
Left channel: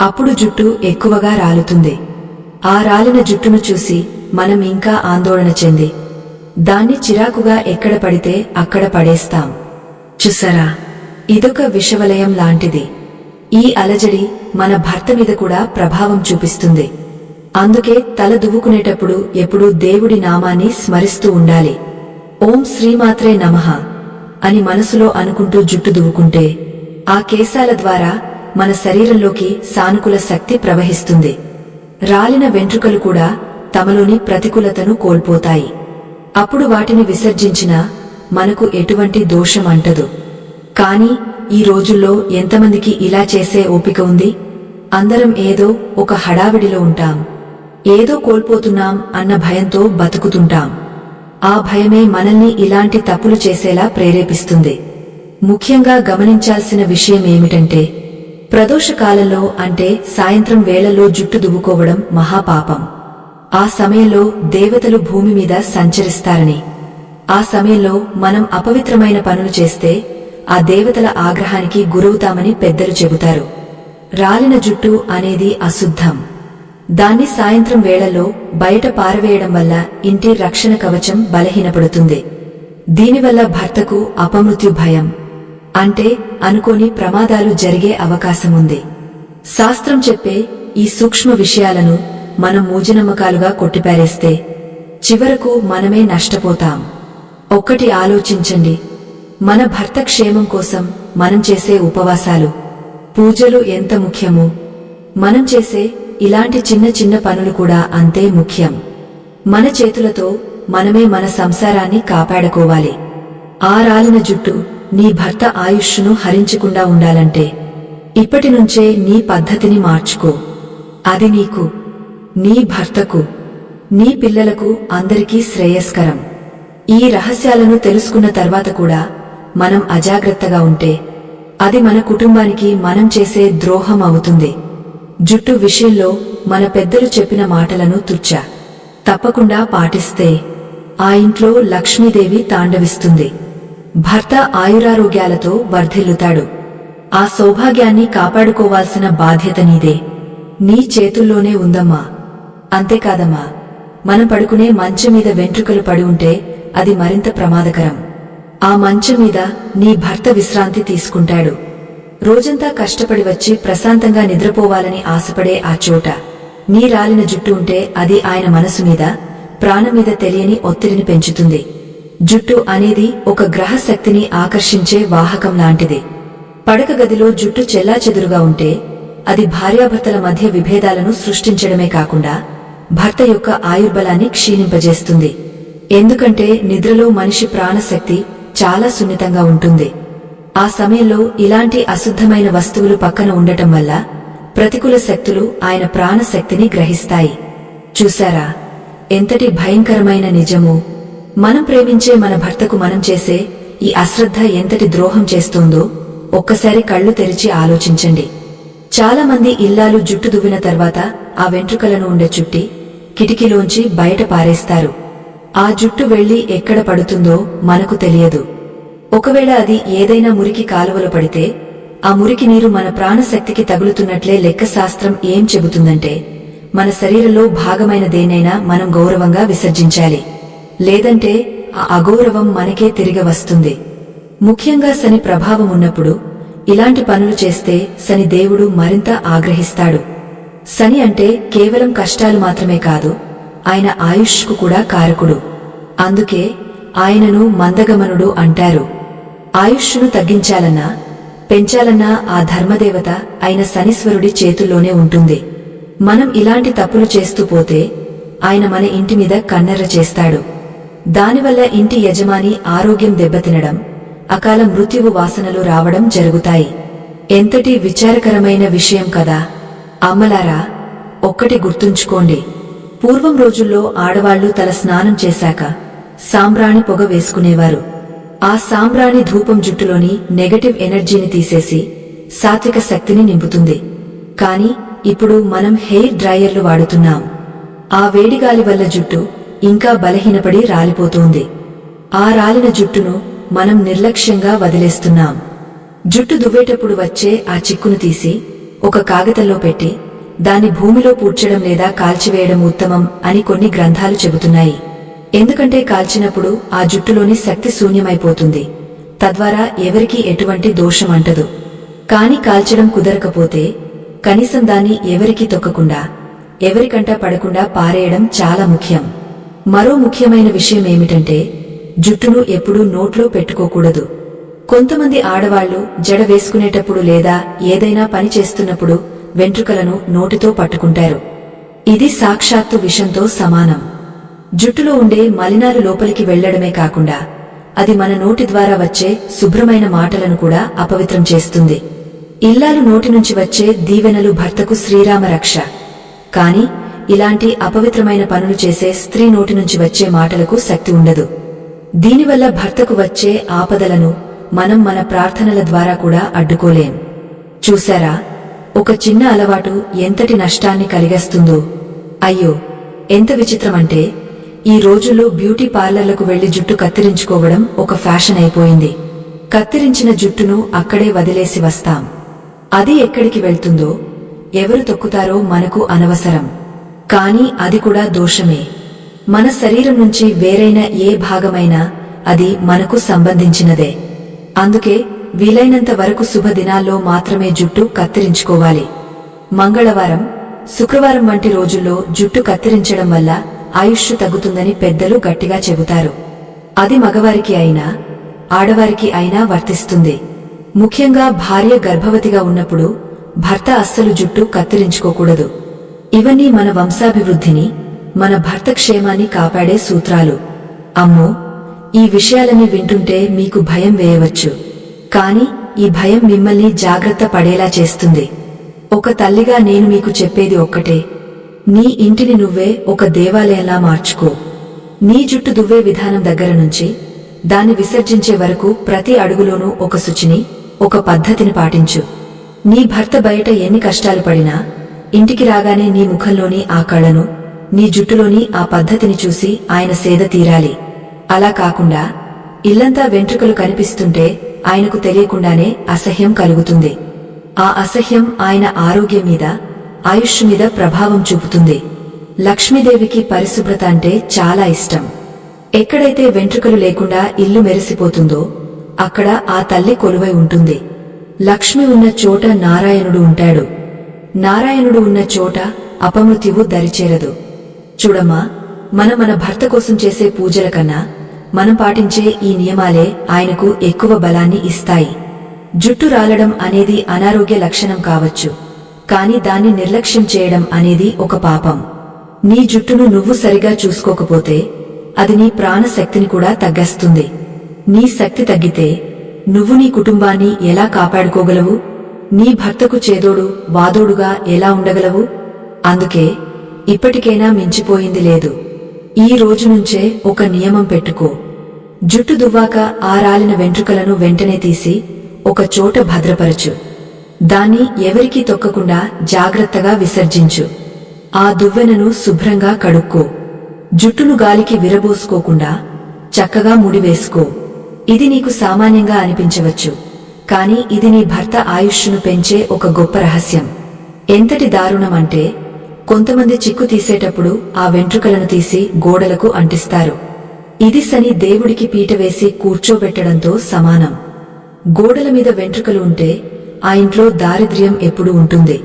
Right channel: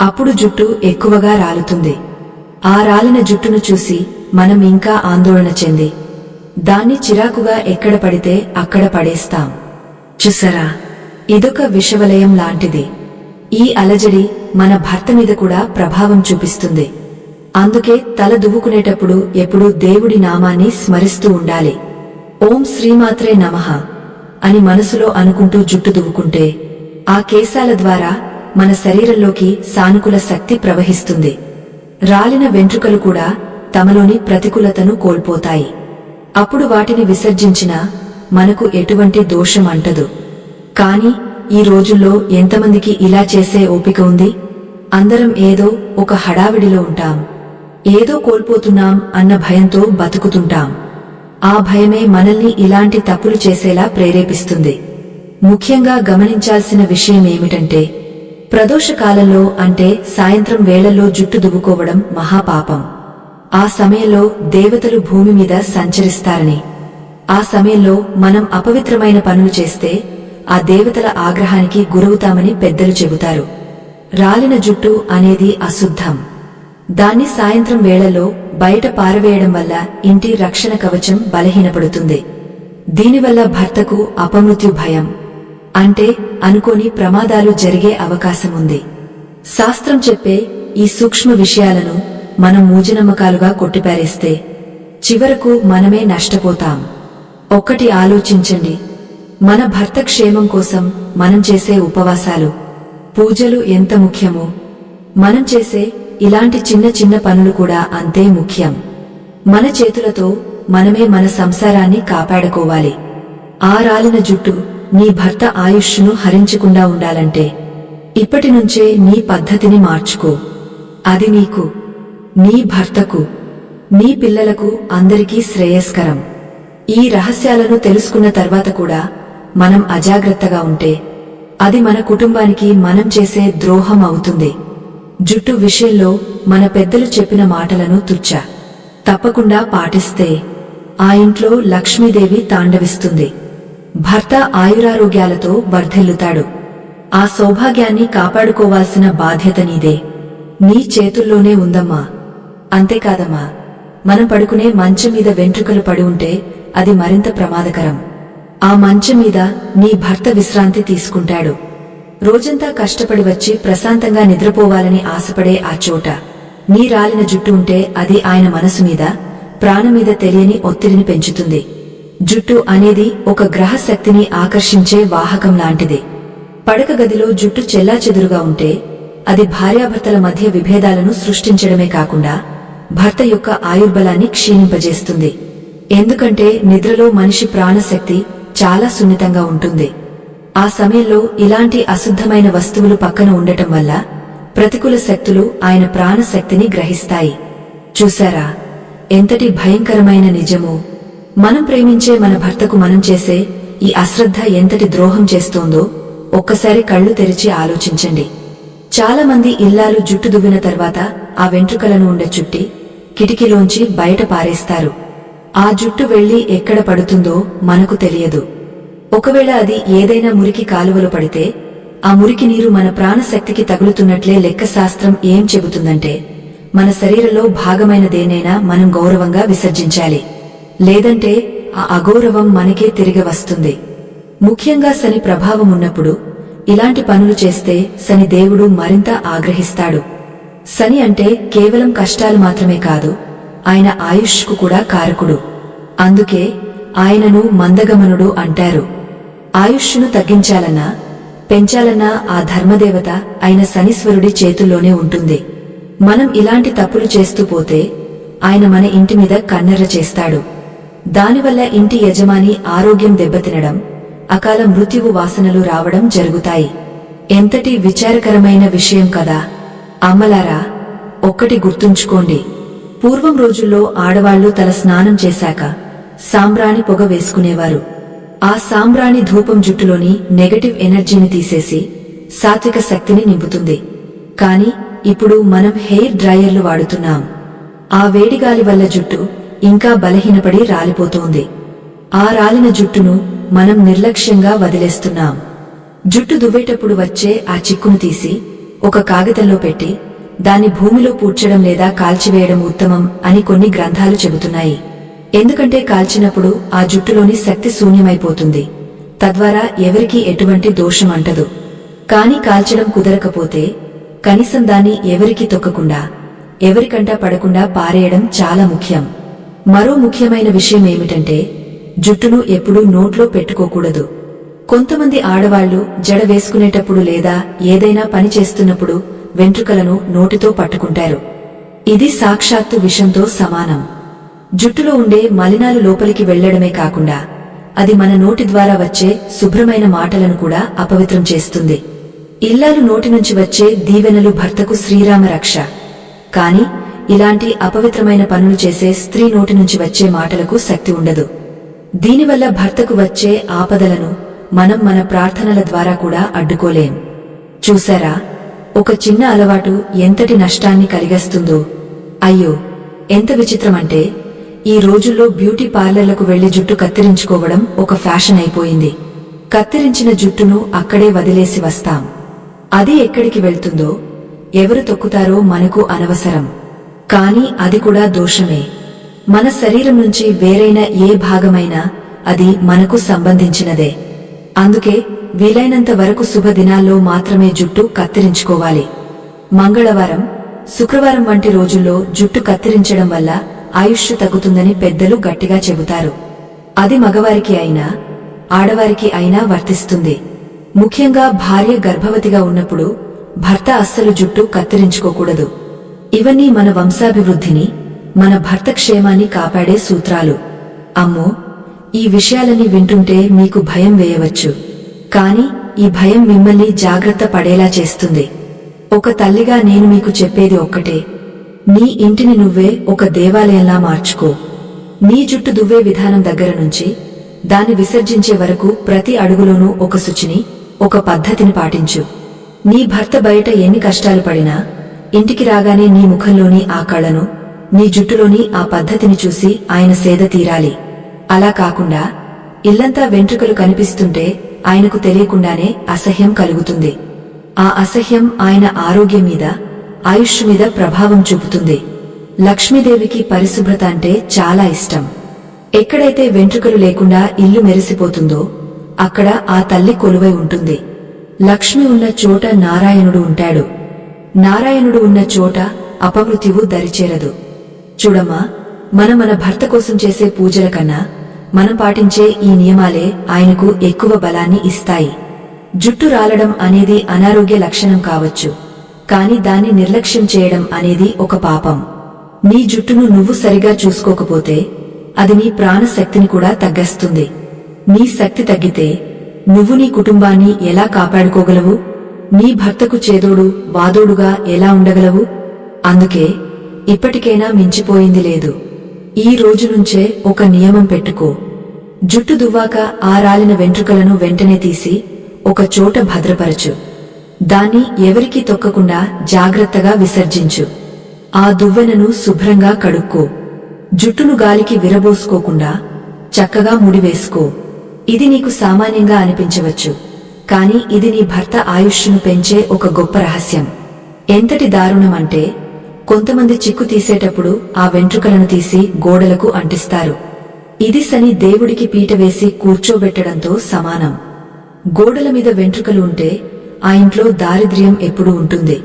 అప్పుడు జుట్టు ఎక్కువగా రాలుతుంది. ఆ రాలిన జుట్టును చూసి మనం ఇంకా ఆందోళన చెంది దాన్ని చిరాకుగా ఎక్కడ పడితే అక్కడ పడేస్తాం. చూసారా, ఇదొక విషవలయం లాంటిది. ఈ అలజడి మన భర్త మీద కూడా ప్రభావం చూపిస్తుంది. అందుకే తల దువ్వుకునేటప్పుడు ఎప్పుడూ దేవుడి నామాన్ని స్మరిస్తూ ఉండాలి. ఓం శ్రీమాత్రే నమః అని మనసులో అనుకుంటూ జుట్టు దువ్వుకుంటే ఆ కేశాల ద్వారా మన శరీరంలోకి సానుకూల శక్తి ప్రవహిస్తుంది. రాలిన వెంట్రుకలు కూడా తమలోని ప్రతికూలతను కోల్పోతాయి. అప్పుడు వాటిని విసర్జించినా మనకు ఎటువంటి దోషం అంటదు. కాని ఈ రోజుల్లో ఎంతమందికి ఇలా చేసే ఓపిక ఉంది? అందరం ఏదో ఒక హడావిడిలో ఉంటాం. ఏదో కోల్పోతున్నాం అన్న భయంతో బతుకుతుంటాం. ఆ భయమే మనల్ని ఇలాంటి తప్పులు చేసేలా ప్రేరేపిస్తుంది. ముఖ్యంగా గమనించాల్సిన విషయం ఏమిటంటే, ప్రదోషకాలంలో అంటే సాయంత్రం వేళల్లో జుట్టు దువ్వుకోవడం మహాపాపం. ఆ సమయంలో దేవతలు భూమి మీద సంచరిస్తారని, ఆ సమయంలో మనం అపవిత్రమైన పనులు చేస్తే ఆ దేవతల ఆగ్రహానికి గురవుతామని పెద్దలు చెబుతారు. రాలిన జుట్టు అనేది అశుద్ధం. దాన్ని సాయంత్రం వేళల్లో బయట పారవేయడం వల్ల ఇంటి రక్షణ కవచం బలహీనపడుతుంది. దీనివల్ల భర్తకు అపమృత్యు భయం, అంటే అనుకోని ప్రమాదాలు జరిగే అవకాశముంది. శాస్త్రం చెప్పే ఈ సూక్ష్మ విషయాలను మనం మూజనమ్మకాలుగా కొట్టిపారేస్తే చివరకు మనమే నష్టపోతాం. ఒక్కటి ఆలోచించండి, మన భర్త క్షేమం కోసం మనం చేసే ఉపవాసాలు, పూజలు ఎంత ముఖ్యమో, మనం చేసే ఇలాంటి చిన్న చిన్న పనులు కూడా అంతే ముఖ్యం. మన చేతులతో మనమే మన సంసారాన్ని కాపాడుకోవాలి. ఆ రాలిన జుట్టు నీ భర్త ఆయుష్ను హరించకుండా ఉండాలంటే ఇప్పటినుంచే నీ పద్ధతిని మార్చుకో. అది నీకు, నీ భర్తకు, నీ పిల్లలకు అందరికీ శ్రేయస్కరం. ఈ రహస్యాలను తెలుసుకున్న తర్వాత కూడా మనం అజాగ్రత్తగా ఉంటే అది మన కుటుంబానికి మనం చేసే ద్రోహం అవుతుంది. జుట్టు విషయంలో మన పెద్దలు చెప్పిన మాటలను తప్పకుండా పాటిస్తే ఆ ఇంట్లో లక్ష్మీదేవి తాండవిస్తుంది. భర్త ఆయురారోగ్యాలతో వర్ధిల్లుతాడు. ఆ సౌభాగ్యాన్ని కాపాడుకోవాల్సిన బాధ్యత నీదే, నీ చేతుల్లోనే ఉందమ్మా. అంతేకాదమ్మా, మనం పడుకునే మంచం మీద వెంట్రుకలు పడి ఉంటే అది మరింత ప్రమాదకరం. ఆ మంచం మీద నీ భర్త విశ్రాంతి తీసుకుంటాడు. రోజంతా కష్టపడి వచ్చి ప్రశాంతంగా నిద్రపోవాలని ఆశపడే ఆ చోట నీ రాలిన జుట్టు ఉంటే అది ఆయన మనసు మీద, ప్రాణం మీద తెలియని ఒత్తిడిని పెంచుతుంది. జుట్టు అనేది ఒక గ్రహ శక్తిని ఆకర్షించే వాహకం లాంటిది. పడక గదిలో జుట్టు చెల్లాచెదురుగా ఉంటే అది భార్యాభర్తల మధ్య విభేదాలను సృష్టించడమే కాకుండా భర్త యొక్క ఆయుర్బలాన్ని క్షీణింపజేస్తుంది. ఎందుకంటే నిద్రలో మనిషి ప్రాణశక్తి చాలా సున్నితంగా ఉంటుంది. ఆ సమయంలో ఇలాంటి అశుద్ధమైన వస్తువులు పక్కన ఉండటం వల్ల ప్రతికూల శక్తులు ఆయన ప్రాణశక్తిని గ్రహిస్తాయి. చూశారా ఎంతటి భయంకరమైన నిజమో? మనం ప్రేమించే మన భర్తకు మనం చేసే ఈ అశ్రద్ధ ఎంతటి ద్రోహం చేస్తోందో ఒక్కసారి కళ్ళు తెరిచి ఆలోచించండి. చాలా మంది ఇల్లాలు జుట్టు దువ్విన తర్వాత ఆ వెంట్రుకలను ఉండే చుట్టి కిటికీలోంచి బయట పారేస్తారు. ఆ జుట్టు వెళ్లి ఎక్కడ పడుతుందో మనకు తెలియదు. ఒకవేళ అది ఏదైనా మురికి కాలువలో పడితే ఆ మురికి నీరు మన ప్రాణశక్తికి తగులుతున్నట్లే లెక్కశాస్త్రం ఏం చెబుతుందంటే మన శరీరంలో భాగమైన దేనైనా మనం గౌరవంగా విసర్జించాలి. లేదంటే ఆ అగౌరవం మనకే తిరిగి వస్తుంది. ముఖ్యంగా శని ప్రభావం ఉన్నప్పుడు ఇలాంటి పనులు చేస్తే శని దేవుడు మరింత ఆగ్రహిస్తాడు. శని అంటే కేవలం కష్టాలు మాత్రమే కాదు, ఆయన ఆయుష్కు కూడా కారకుడు. అందుకే ఆయనను మందగమనుడు అంటారు. ఆయుష్ను తగ్గించాలన్నా పెంచాలన్నా ఆ ధర్మదేవత అయిన శనీశ్వరుడి చేతుల్లోనే ఉంటుంది. మనం ఇలాంటి తప్పులు చేస్తూ పోతే ఆయన మన ఇంటి మీద కన్నెర్ర చేస్తాడు. దానివల్ల ఇంటి యజమాని ఆరోగ్యం దెబ్బతినడం, అకాల మృత్యువు వాసనలు రావడం జరుగుతాయి. ఎంతటి విచారకరమైన విషయం కదా! అమ్మలారా, ఒక్కటి గుర్తుంచుకోండి. పూర్వం రోజుల్లో ఆడవాళ్లు తల స్నానం చేశాక సాంబ్రాణి పొగ వేసుకునేవారు. ఆ సాంబ్రాణి ధూపం జుట్టులోని నెగటివ్ ఎనర్జీని తీసేసి సాత్విక శక్తిని నింపుతుంది. కాని ఇప్పుడు మనం హెయిర్ డ్రైయర్లు వాడుతున్నాం. ఆ వేడిగాలి వల్ల జుట్టు ఇంకా బలహీనపడి రాలిపోతోంది. ఆ రాలిన జుట్టును మనం నిర్లక్ష్యంగా వదిలేస్తున్నాం. జుట్టు దువ్వేటప్పుడు వచ్చే ఆ చిక్కును తీసి ఒక కాగితంలో పెట్టి దాన్ని భూమిలో పూడ్చడం లేదా కాల్చివేయడం ఉత్తమం అని కొన్ని గ్రంథాలు చెబుతున్నాయి. ఎందుకంటే కాల్చినప్పుడు ఆ జుట్టులోని శక్తి శూన్యమైపోతుంది. తద్వారా ఎవరికీ ఎటువంటి దోషం అంటదు. కాని కాల్చడం కుదరకపోతే కనీసం దాన్ని ఎవరికీ తొక్కకుండా, ఎవరికంటా పడకుండా పారేయడం చాలా ముఖ్యం. మరో ముఖ్యమైన విషయం ఏమిటంటే జుట్టును ఎప్పుడూ నోట్లో పెట్టుకోకూడదు. కొంతమంది ఆడవాళ్లు జడ వేసుకునేటప్పుడు లేదా ఏదైనా పని చేస్తున్నప్పుడు వెంట్రుకలను నోటితో పట్టుకుంటారు. ఇది సాక్షాత్తు విషంతో సమానం. జుట్టులో ఉండే మలినాలు లోపలికి వెళ్లడమే కాకుండా అది మన నోటి ద్వారా వచ్చే శుభ్రమైన మాటలను కూడా అపవిత్రం చేస్తుంది. ఇల్లాలు నోటి నుంచి వచ్చే దీవెనలు భర్తకు శ్రీరామ రక్ష. కాని ఇలాంటి అపవిత్రమైన పనులు చేసే స్త్రీ నోటి నుంచి వచ్చే మాటలకు శక్తి ఉండదు. దీనివల్ల భర్తకు వచ్చే ఆపదలను మనం మన ప్రార్థనల ద్వారా కూడా అడ్డుకోలేం. చూశారా, ఒక చిన్న అలవాటు ఎంతటి నష్టాన్ని కలిగిస్తుందో. అయ్యో, ఎంత విచిత్రమంటే ఈ రోజుల్లో బ్యూటీ పార్లర్లకు వెళ్లి జుట్టు కత్తిరించుకోవడం ఒక ఫ్యాషన్ అయిపోయింది. కత్తిరించిన జుట్టును అక్కడే వదిలేసి వస్తాం. అది ఎక్కడికి వెళ్తుందో, ఎవరు తొక్కుతారో మనకు అనవసరం. కాని అది కూడా దోషమే. మన శరీరం నుంచి వేరైన ఏ భాగమైనా అది మనకు సంబంధించినదే. అందుకే వీలైనంత వరకు శుభదినాల్లో మాత్రమే జుట్టు కత్తిరించుకోవాలి. మంగళవారం, శుక్రవారం వంటి రోజుల్లో జుట్టు కత్తిరించడం వల్ల ఆయుష్ తగ్గుతుందని పెద్దలు గట్టిగా చెబుతారు. అది మగవారికి అయినా ఆడవారికి అయినా వర్తిస్తుంది. ముఖ్యంగా భార్య గర్భవతిగా ఉన్నప్పుడు భర్త అస్సలు జుట్టు కత్తిరించుకోకూడదు. ఇవన్నీ మన వంశాభివృద్ధిని, మన భర్త క్షేమాన్ని కాపాడే సూత్రాలు. అమ్మో, ఈ విషయాలన్నీ వింటుంటే మీకు భయం వేయవచ్చు. కాని ఈ భయం మిమ్మల్ని జాగ్రత్త పడేలా చేస్తుంది. ఒక తల్లిగా నేను మీకు చెప్పేది ఒక్కటే: నీ ఇంటిని నువ్వే ఒక దేవాలయంలా మార్చుకో. నీ జుట్టు దువ్వే విధానం దగ్గర నుంచి దాన్ని విసర్జించే వరకు ప్రతి అడుగులోనూ ఒక శుచిని, ఒక పద్ధతిని పాటించు. నీ భర్త బయట ఎన్ని కష్టాలు పడినా ఇంటికి రాగానే నీ ముఖంలోని ఆ కళను, నీ జుట్టులోని ఆ పద్ధతిని చూసి ఆయన సేద తీరాలి. అలా కాకుండా ఇల్లంతా వెంట్రుకలు కనిపిస్తుంటే ఆయనకు తెలియకుండానే అసహ్యం కలుగుతుంది. ఆ అసహ్యం ఆయన ఆరోగ్యం మీద, ఆయుష్ మీద ప్రభావం చూపుతుంది. లక్ష్మీదేవికి పరిశుభ్రత అంటే చాలా ఇష్టం. ఎక్కడైతే వెంట్రుకలు లేకుండా ఇల్లు మెరిసిపోతుందో అక్కడ ఆ తల్లి కొలువై ఉంటుంది. లక్ష్మి ఉన్న చోట నారాయణుడు ఉంటాడు. నారాయణుడు ఉన్న చోట అపమృత్యువు దరిచేరదు. చూడమ్మా, మనం మన భర్త కోసం చేసే పూజల కన్నా మనం పాటించే ఈ నియమాలే ఆయనకు ఎక్కువ బలాన్ని ఇస్తాయి. జుట్టు రాలడం అనేది అనారోగ్య లక్షణం కావచ్చు, కాని దాన్ని నిర్లక్ష్యం చేయడం అనేది ఒక పాపం. నీ జుట్టును నువ్వు సరిగా చూసుకోకపోతే అది నీ ప్రాణశక్తిని కూడా తగ్గస్తుంది. నీ శక్తి తగ్గితే నువ్వు నీ కుటుంబాన్ని ఎలా కాపాడుకోగలవు? నీ భర్తకు చేదోడు వాదోడుగా ఎలా ఉండగలవు? అందుకే ఇప్పటికైనా మించిపోయింది లేదు. ఈ రోజు నుంచే ఒక నియమం పెట్టుకో. జుట్టు దువ్వాక ఆ రాలిన వెంట్రుకలను వెంటనే తీసి ఒక చోట భద్రపరచు. దాన్ని ఎవరికీ తొక్కకుండా జాగ్రత్తగా విసర్జించు. ఆ దువ్వెనను శుభ్రంగా కడుక్కో. జుట్టును గాలికి విరబోసుకోకుండా చక్కగా ముడివేసుకో. ఇది నీకు సామాన్యంగా అనిపించవచ్చు, కాని ఇది నీ భర్త ఆయుష్ను పెంచే ఒక గొప్ప రహస్యం. ఎంతటి దారుణమంటే కొంతమంది చిక్కు తీసేటప్పుడు ఆ వెంట్రుకలను తీసి గోడలకు అంటిస్తారు. ఇది శని దేవుడికి పీట వేసి కూర్చోబెట్టడంతో సమానం. గోడల మీద వెంట్రుకలు ఉంటే ఆ ఇంట్లో దారిద్ర్యం ఎప్పుడూ ఉంటుంది.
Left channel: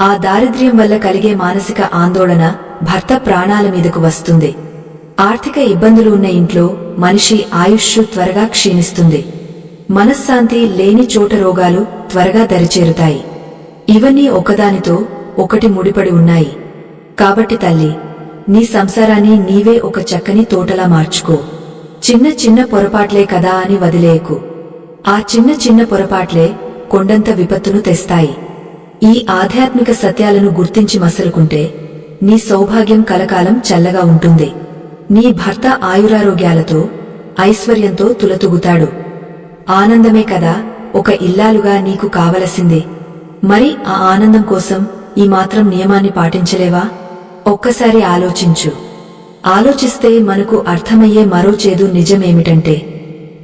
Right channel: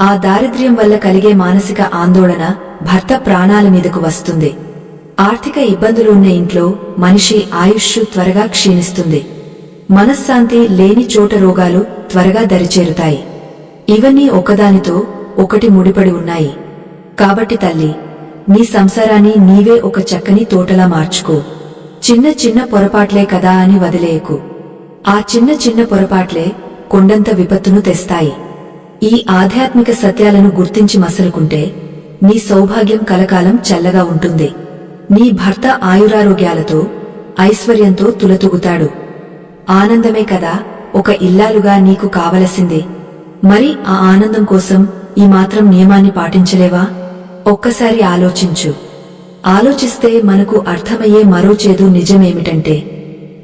ఆ దారిద్ర్యం వల్ల కలిగే మానసిక ఆందోళన భర్త ప్రాణాల మీదకు వస్తుంది. ఆర్థిక ఇబ్బందులు ఉన్న ఇంట్లో మనిషి ఆయుష్ త్వరగా క్షీణిస్తుంది. మనశ్శాంతి లేని చోట రోగాలు త్వరగా దరిచేరుతాయి. ఇవన్నీ ఒకదానితో ఒకటి ముడిపడి ఉన్నాయి. కాబట్టి తల్లి, నీ సంసారాన్ని నీవే ఒక చక్కని తోటలా మార్చుకో. చిన్న చిన్న పొరపాట్లే కదా అని వదిలేయకు. ఆ చిన్న చిన్న పొరపాట్లే కొండంత విపత్తును తెస్తాయి. ఈ ఆధ్యాత్మిక సత్యాలను గుర్తించి మసలుకుంటే నీ సౌభాగ్యం కలకాలం చల్లగా ఉంటుంది. నీ భర్త ఆయురారోగ్యాలతో, ఐశ్వర్యంతో తులతూగుతాడు. ఆనందమే కదా ఒక ఇల్లాలుగా నీకు కావలసింది. మరి ఆ ఆనందం కోసం ఈ మాత్రం నియమాన్ని పాటించలేవా? ఒక్కసారి ఆలోచించు. ఆలోచిస్తే మనకు అర్థమయ్యే మరో చేదు నిజమేమిటంటే,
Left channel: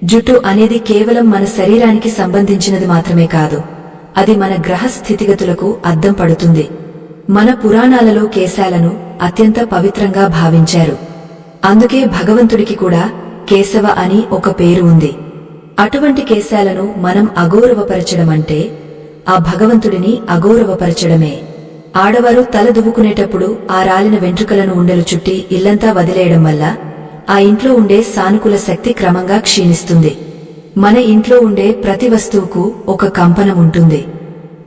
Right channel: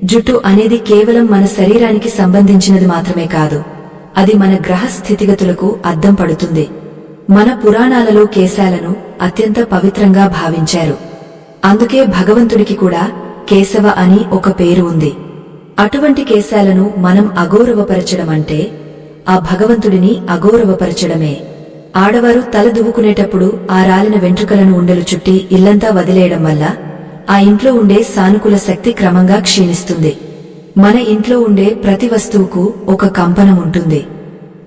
జుట్టు అనేది కేవలం మన శరీరానికి సంబంధించినది మాత్రమే కాదు, అది మన గ్రహ స్థితిగతులకు అద్దం పడుతుంది. మన పురాణాలలో కేశాలను అత్యంత పవిత్రంగా భావించారు. అందుకే భగవంతుడికి కూడా కేశవ అని ఒక పేరు ఉంది. అటువంటి కేశాలను మనం అగౌరవపరచడమంటే ఆ భగవంతుడిని అగౌరవపరచడమే. ఆడవారు తల దువ్వుకునేటప్పుడు ఆ రాలిన వెంట్రుకలను ఉండలు చుట్టి ఇల్లంతా వదిలేయడం వల్ల ఆ ఇంట్లో ఉండే సానుకూల శక్తి క్రమంగా క్షీణిస్తుంది. మన ఇంట్లో ఉండే ప్రతి వస్తువుకు ఒక కంపనం ఉంటుంది.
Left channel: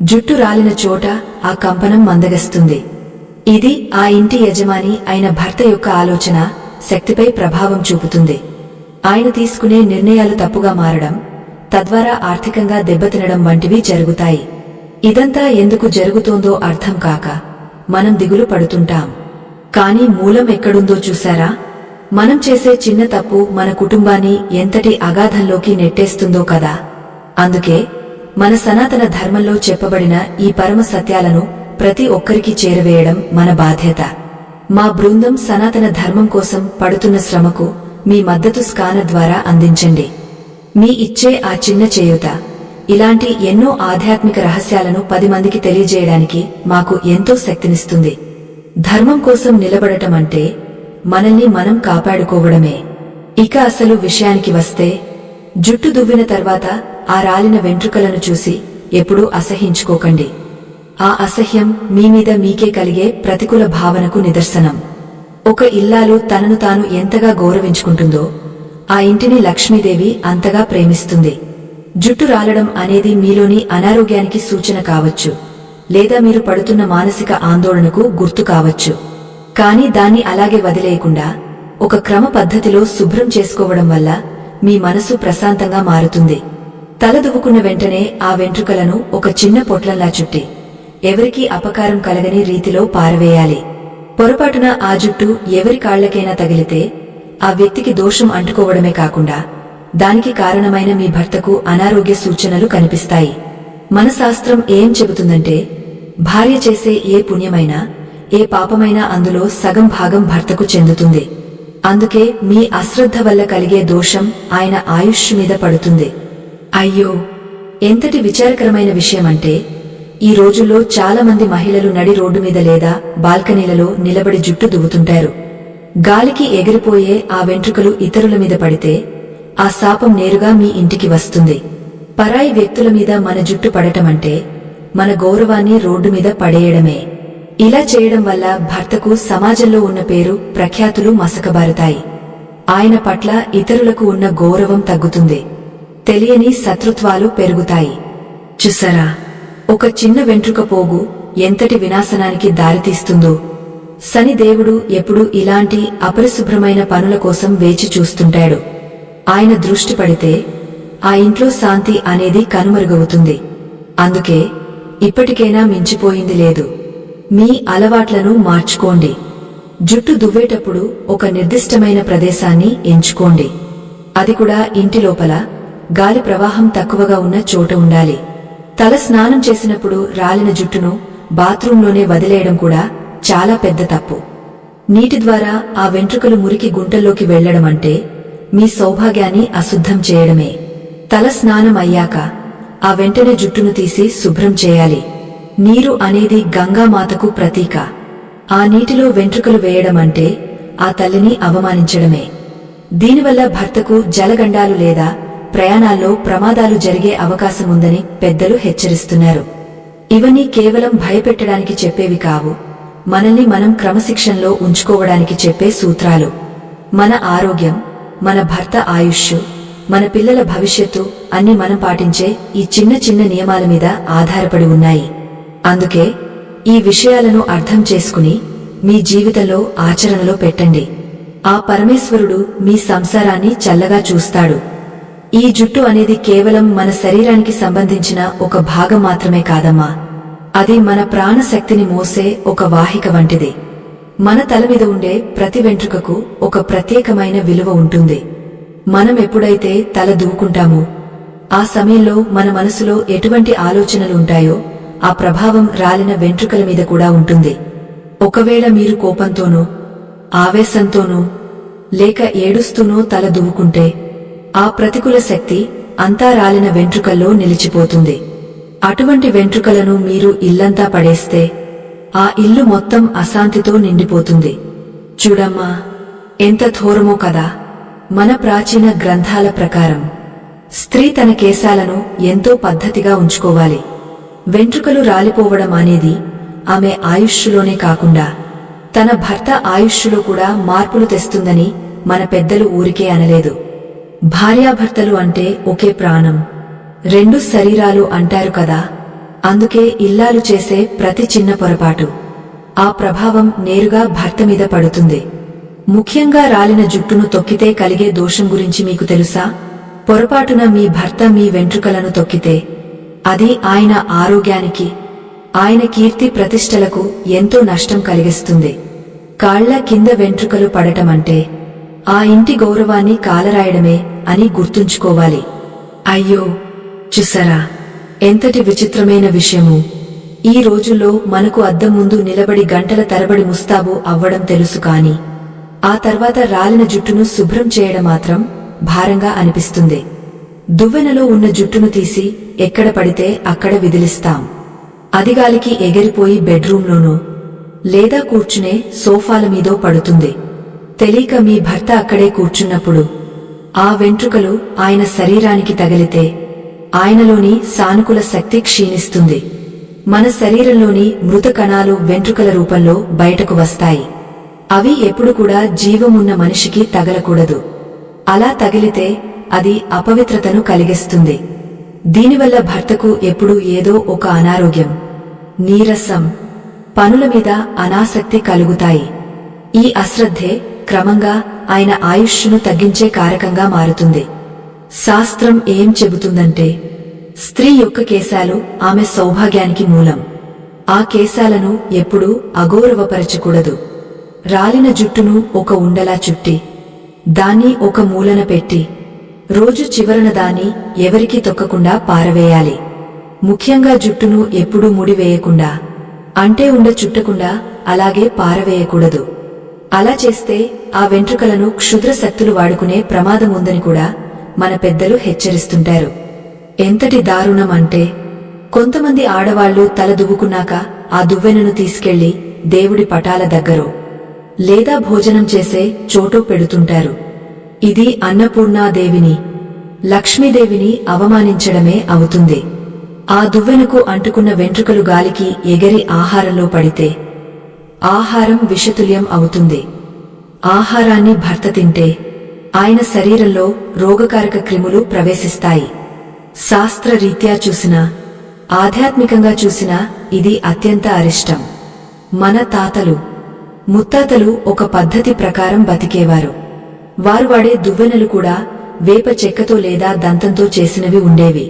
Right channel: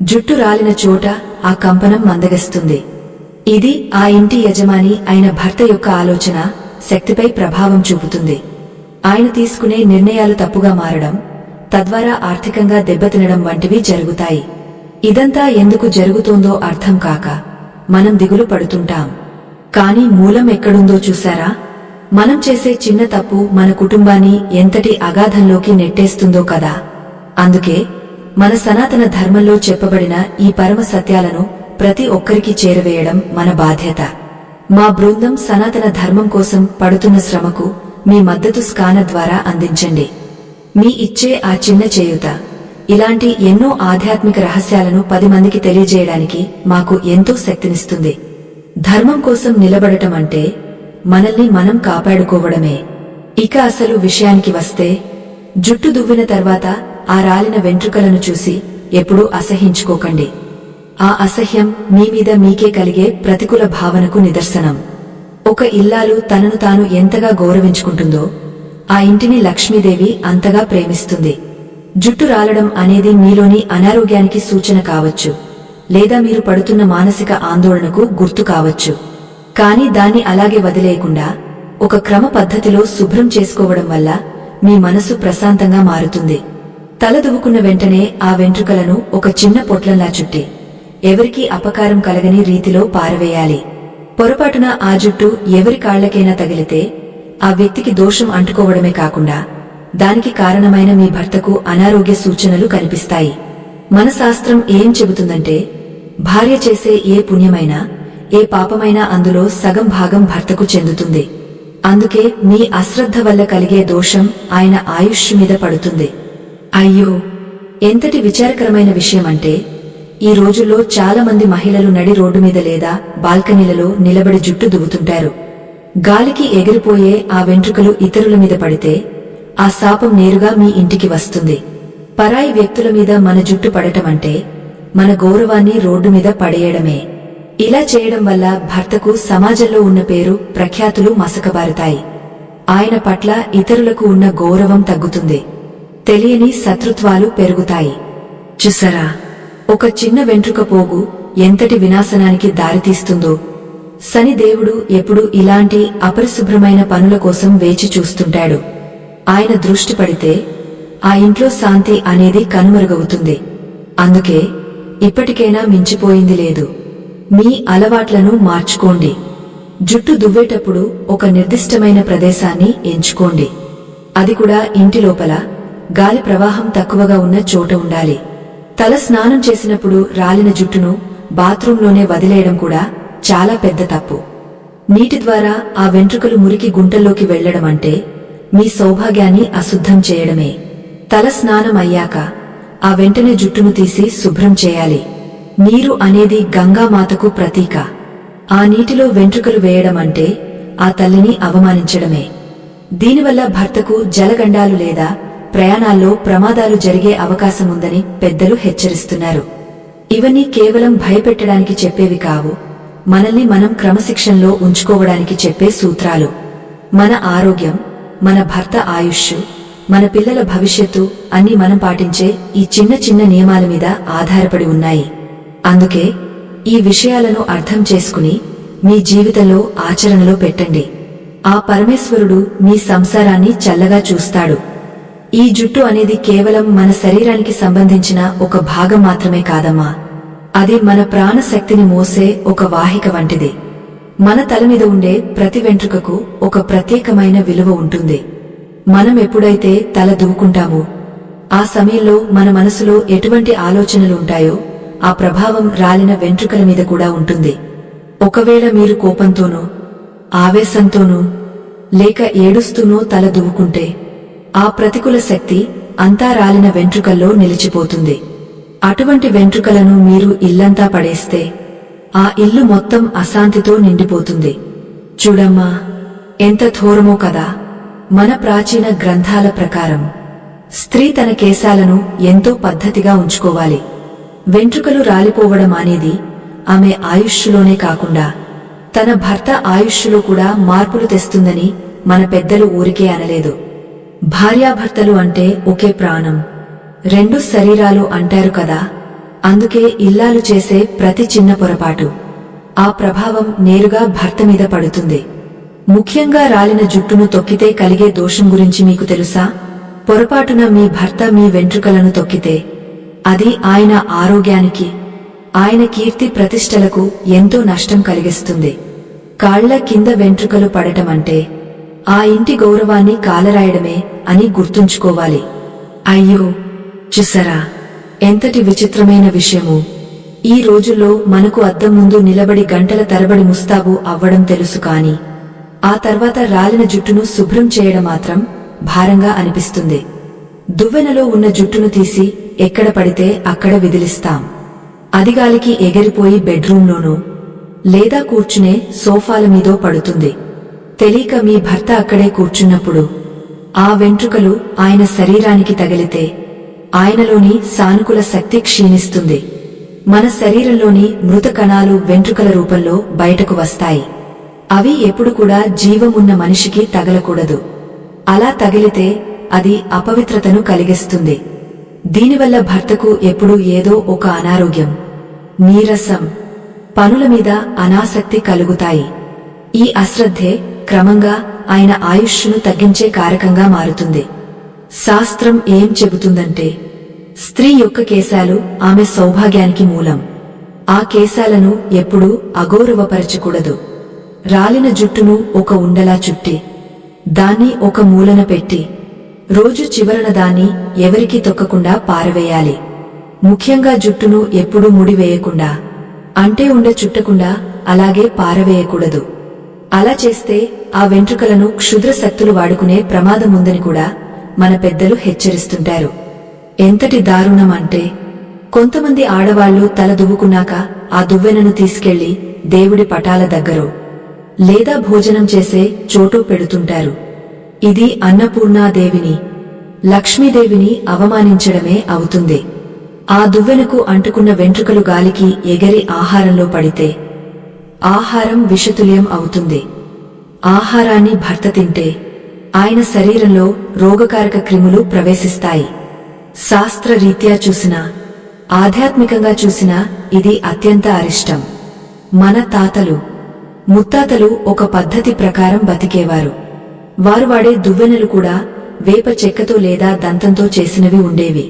జుట్టు రాలిన చోట ఆ కంపనం మందగిస్తుంది. ఇది ఆ ఇంటి యజమాని అయిన భర్త యొక్క ఆలోచన శక్తిపై ప్రభావం చూపుతుంది. ఆయన తీసుకునే నిర్ణయాలు తప్పుగా మారడం, తద్వారా ఆర్థికంగా దెబ్బతినడం వంటివి జరుగుతాయి. ఇదంతా ఎందుకు జరుగుతోందో అర్థం కాక మనం దిగులు పడుతుంటాం. కానీ మూలం ఎక్కడుందో చూశారా? మనం చేసే చిన్న తప్పు మన కుటుంబాన్ని ఎంతటి అగాధంలోకి నెట్టేస్తుందో కదా. అందుకే మన సనాతన ధర్మంలో చెప్పబడిన ఈ పరమ సత్యాలను ప్రతి ఒక్కరికి చేరవేయడం మన బాధ్యత. మా బృందం సనాతన ధర్మం కోసం పడుతున్న శ్రమకు మీ మద్దతు స్కానర్ ద్వారా అందించండి. మీ ఇచ్చే ఆ చిన్న చేయూత ఇలాంటి ఎన్నో ఆధ్యాత్మిక రహస్యాలను 10 మందికి తెలియజేయడానికి మాకు ఎంతో శక్తినిస్తుంది. ధర్మం కోసం నిలబడటం అంటే మనల్ని మనం కాపాడుకోవడమే. ఇక అసలు విషయానికి వస్తే, జుట్టు దువ్విన తర్వాత ఆ రాలిన వెంట్రుకలను చూసి ఎప్పుడూ అసహించుకోకండి. ఆ అసహ్యం మీమీద మీకే కలిగే ప్రతికూల భావనకు నిదర్శనం. ఒక ఇల్లాలు తనను తాను ఎంతగా గౌరవించుకుంటుందో ఆ ఇంటిని లక్ష్మీదేవి అంతగా ప్రేమిస్తుంది. జుట్టు రాలడం అనేది మీలోని అనారోగ్యానికి సూచన కావచ్చు, లేదా మీరు పడుతున్న మానసిక ఆందోళనకు గుర్తు కావచ్చు. కానీ దాన్ని అలాగే వదిలేయకుండా ఒక క్రమ పద్ధతిలో శుభ్రం చేసుకోవడం వల్ల మీ మనసు ప్రశాంతంగా మారుతుంది. తల దువ్వుకున్న వెంటనే ఆ వెంట్రుకలను ఒక చిన్న పొట్లంలా చుట్టి ఎవరికీ అపకారం కలగని రీతిలో పారవేయాలి. పొరపాటున ఆ జుట్టు ఎవరి కాళ్లకైనా తగిలితే ఆ వ్యక్తికి దోషం అంటుకోవడమే కాకుండా దానికి కారణమైన మీ భర్తకు అనారోగ్య సూచనలు కనిపిస్తాయి. మన శాస్త్రం ఏం చెబుతుందంటే, భార్య చేసే ఏ పుణ్యమైనా ఏ పాపమైనా అందులో సగం భాగం భర్తకు చెందుతుంది. అందుకే మీ అశ్రద్ధ వల్ల కలిగే దోషం ఆయన ఆయుష్ మీద పడుతుంది. అయ్యో, ఎంతటి విచారకరమైన విషయమంటే, ఈ రోజుల్లో చాలా మంది మహిళలు నడి రోడ్డు మీద లేదా బాల్కనీలలో నిలబడి జుట్టు దువ్వుతుంటారు. గాలికి ఎగిరిపోయే ఆ వెంట్రుకలు ఇతరుల మీద పడితే ఆ శాపం నేరుగా మీ ఇంటికి వస్తుంది. పరాయి వ్యక్తుల మీద మన జుట్టు పడటమంటే మన గౌరవాన్ని రోడ్డు మీద పడేయడమే. ఇలా చేయడం వల్ల భర్తకు సమాజంలో ఉన్న పేరు ప్రఖ్యాతులు మసకబారుతాయి. ఆయన పట్ల ఇతరులకు ఉన్న గౌరవం తగ్గుతుంది. తెలియని శత్రుత్వాలు పెరుగుతాయి. చూసారా, ఒక చిన్న వెంట్రుక పోగు ఎంతటి వినాశనానికి దారితీస్తుందో. శనిదేవుడు ఎప్పుడూ ఇలాంటి అపరిశుభ్రమైన పనుల కోసం వేచి చూస్తుంటాడు. ఆయన దృష్టి పడితే ఆ ఇంట్లో శాంతి అనేది కనుమరుగవుతుంది. అందుకే ఇప్పటికైనా మించిపోయింది లేదు. మీ అలవాట్లను మార్చుకోండి. జుట్టు దువ్వేటప్పుడు ఒక నిర్దిష్టమైన ప్రదేశాన్ని ఎంచుకోండి. అది కూడా ఇంటి లోపల గాలి ప్రవాహం తక్కువగా ఉన్న చోట ఉండాలి. తల స్నానం చేసినప్పుడు రాలిన జుట్టును బాత్రూంలోనే వదిలేయడం కూడా చాలా పెద్ద తప్పు. నీటి ద్వారా ఆ వెంట్రుకలు మురికి గుంటల్లోకి వెళ్లడమంటే మీ సౌభాగ్యాన్ని అశుద్ధం చేయడమే. తల స్నానం అయ్యాక ఆ వెంటనే జుట్టును తీసి శుభ్రం చేయాలి. నీరు అనేది గంగామాతకు ప్రతీక. ఆ నీటిలో వెంట్రుకలు వేయడమంటే ఆ తల్లిని అవమానించడమే. దీనివల్ల భర్తకు జలగండాలు లేదా ప్రయాణాల్లో ప్రమాదాలు జరిగే అవకాశముందని పెద్దలు హెచ్చరిస్తున్నారు. ఇవన్నీ కేవలం భయపెట్టడానికి చెప్పేవి కావు, మనల్ని మనం క్రమశిక్షణలో ఉంచుకోవడానికి చెప్పే సూత్రాలు. మన ఆరోగ్యం, మన భర్త ఆయుష్, మన పిల్లల భవిష్యత్తు అన్నీ మనం పాటించే ఈ చిన్న చిన్న నియమాల మీద ఆధారపడి ఉన్నాయి. అందుకే ఈ విషయాలను అర్థం చేసుకుని మీ జీవితంలో ఆచరణలో పెట్టండి. ఆ పరమేశ్వరుడు మీ సంసారాన్ని చల్లగా చూస్తాడు. ఈ జుట్టు అనేది కేవలం మన శరీరానికి సంబంధించిన ఒక భాగం మాత్రమే కాదమ్మా. అది మన ప్రాణశక్తిని మోసే ఒక వాహిక వంటిది. మన తల మీద ఉండే ప్రతి వెంట్రుకకు ఒక ప్రత్యేకమైన విలువ ఉంటుంది. మనం ఎప్పుడైతే తల దువ్వుకుంటామో ఆ సమయంలో మన మనసులో ఎటువంటి ఆలోచనలు ఉంటాయో ఆ ప్రభావం రాలిన వెంట్రుకల మీద కూడా ఉంటుంది. ఒకవేళ మీరు కోపంతోనో ఆవేశంతోనో లేక ఏడుస్తూనో తల దువ్వుకుంటే ఆ ప్రతికూల శక్తి అంతా రాలిన వెంట్రుకల్లో నిలిచిపోతుంది. అటువంటి వెంట్రుకలను మీరు ఇల్లంతా పడేస్తే ఆ ఇల్లు మొత్తం అశాంతితో నిండిపోతుంది. చూడమ్మా, ఎంత ఘోరమో కదా. మన ప్రాచీన గ్రంథాల ప్రకారం స్త్రీ తన కేశాలను ఎంతో పద్ధతిగా ఉంచుకోవాలి. వెంట్రుకలు రాలిపోవడం అనేది ఆమె ఆయుష్లోనే కాకుండా తన భర్త ఆయుష్లో కూడా మార్పులు తెస్తుందని మన పెద్దలు ఊరికే అనలేదు. భార్యాభర్తలు అంటే ఒకే ప్రాణం, రెండు శరీరాలు అంటారు కదా. అందుకే ఇల్లాలు చేసే ప్రతి చిన్న పొరపాటు ఆ ప్రభావం నేరుగా భర్త మీద పడుతుంది. ముఖ్యంగా రాలిన జుట్టును తొక్కితే కలిగే దోషం గురించి మీకు తెలుసా? పొరపాటున మీ భర్త మీ వెంట్రుకలను తొక్కితే అది ఆయన ఆరోగ్యానికి, ఆయన కీర్తి ప్రతిష్టలకు ఎంతో నష్టం కలిగిస్తుంది. కాళ్ల కింద వెంట్రుకలు పడటమంటే ఆ ఇంటి గౌరవాన్ని కాలరాయడమే అని గుర్తుంచుకోవాలి. అయ్యో, చూసారా ఎంతటి విచిత్రమైన విషయము. ఈ రోజుల్లో మనకు అద్దం ముందు నిలబడి గంటల తరబడి ముస్తాబు అవ్వడం తెలుసు, కాని ఆ తర్వాత రాలిన జుట్టును శుభ్రం చేయడం మాత్రం భారంగా అనిపిస్తుంది. దువ్వెనలో ఉన్న జుట్టును తీసి ఎక్కడ పడితే అక్కడ విదిలిస్తాం. అదిగాలికి ఎగిరిపోయి బెడ్రూంలోనో లేదా కూర్చునే సోఫాల మీదో పడుతుంది. తెలియక మీ భర్త అక్కడే కూర్చున్నప్పుడు ఆ వెంట్రుకలు ఆయన శరీరానికి తగిలితే ఆయనలోని సానుకూల శక్తి క్షీణిస్తుంది. మన శరీరంలోని మృత కణాలు వెంట్రుకల రూపంలో బయటకు వస్తాయి. అవి ఎప్పుడు కూడా జీవమున్న మనిషికి తగలకూడదు. అలా తగిలితే అది అపవిత్రతను కలిగిస్తుంది. దీనివల్ల భర్తకు ఎప్పుడూ ఏదో ఒక అనారోగ్యం, నీరసం, పనుల మీద అనాసక్తి కలుగుతాయి. ఈ అశ్రద్ధే క్రమంగా ఆయన ఆయుష్ను తగ్గించే కారకంగా మారుతుంది. శాస్త్రం ఏం చెబుతుందంటే, స్త్రీ యొక్క కేశాలు ఆమె సౌభాగ్యానికి మూలం. ఆ కేశాలను ఎప్పుడూ అగౌరవపరచకూడదు. రాలిన జుట్టును ఒక ఉండలా చుట్టి దాన్ని ఒక మూలన పెట్టి రోజు చివరన దాన్ని ఎవరికీ తొక్కకుండా పారవేయాలి. ముఖ్యంగా జుట్టును ఎప్పుడూ ముడివేయకుండా, అంటే ఉండ చుట్టకుండా అలాగే పారవేయకూడదు. అలా చేస్తే ఆ వెంట్రుకలను క్షుద్ర శక్తులు వాడుకునే ప్రమాదముందని కూడా మన పెద్దలు హెచ్చరిస్తుంటారు. ఎంతటి దారుణం అంటే, కొంతమంది ఆడవాళ్లు తల దువ్వుకున్నాక ఆ దువ్వెనను తీసుకెళ్లి దేవుడి పటాల దగ్గరో లేదా భోజనం చేసే చోటో పెడుతుంటారు. ఇది అన్నపూర్ణాదేవిని, లక్ష్మీదేవిని అవమానించడమే అవుతుంది. ఆ దువ్వెనకు అంటుకున్న వెంట్రుకలు గాలికి ఎగిరి ఆహారంలో పడితే ఆహారం విషతుల్యం అవుతుంది. ఆహారాన్ని భర్త తింటే ఆయన శరీరంలో రోగకారక క్రిములు ప్రవేశిస్తాయి. శాస్త్రరీత్యా చూసినా, ఆధ్యాత్మికంగా చూసినా ఇది అత్యంత అరిష్టం. మన తాతలు ముత్తాతలు ఒక పద్ధతి ప్రకారం బతికేవారు. వారు వాడే దువ్వెనలు కూడా వేప చెక్కతో లేదా దంతంతో చేసినవి ఉండేవి.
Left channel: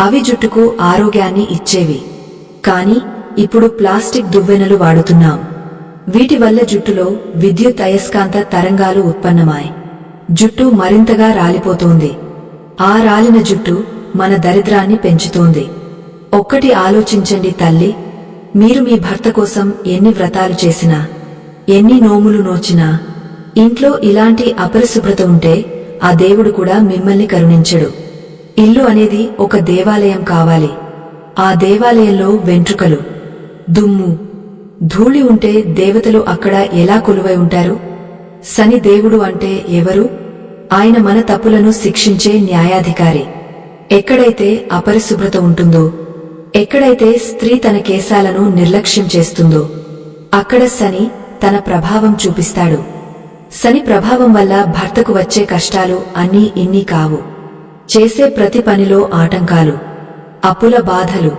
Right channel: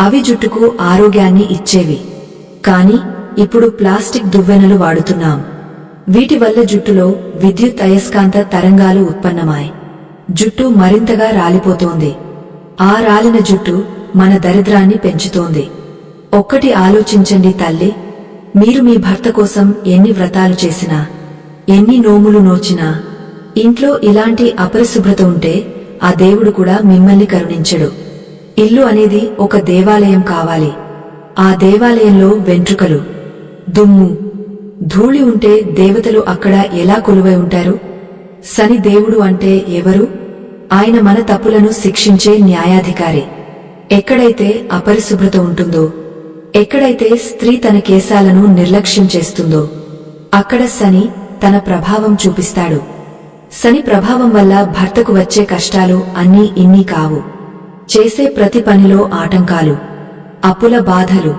అవి జుట్టుకు ఆరోగ్యాన్ని ఇచ్చేవి. కాని ఇప్పుడు ప్లాస్టిక్ దువ్వెనలు వాడుతున్నాం. వీటి వల్ల జుట్టులో విద్యుత్ అయస్కాంత తరంగాలు ఉత్పన్నమాయ్ జుట్టు మరింతగా రాలిపోతోంది. ఆ రాలిన జుట్టు మన దరిద్రాన్ని పెంచుతోంది. ఒక్కటి ఆలోచించండి తల్లి, మీరు మీ భర్త కోసం ఎన్ని వ్రతాలు చేసినా, ఎన్ని నోములు నోచినా ఇంట్లో ఇలాంటి అపరిశుభ్రత ఉంటే ఆ దేవుడు కూడా మిమ్మల్ని కరుణించడు. ఇల్లు అనేది ఒక దేవాలయం కావాలి. ఆ దేవాలయంలో వెంట్రుకలు, దుమ్ము, ధూళి ఉంటే దేవతలు అక్కడ ఎలా కొలువై ఉంటారు? శని దేవుడు అంటే ఎవరు? ఆయన మన తప్పులను శిక్షించే న్యాయాధికారి. ఎక్కడైతే అపరిశుభ్రత ఉంటుందో, ఎక్కడైతే స్త్రీ తన కేశాలను నిర్లక్ష్యం చేస్తుందో అక్కడ శని తన ప్రభావం చూపిస్తాడు. శని ప్రభావం వల్ల భర్తకు వచ్చే కష్టాలు అన్నీ ఇన్ని కావు. చేసే ప్రతి పనిలో ఆటంకాలు, అప్పుల బాధలు,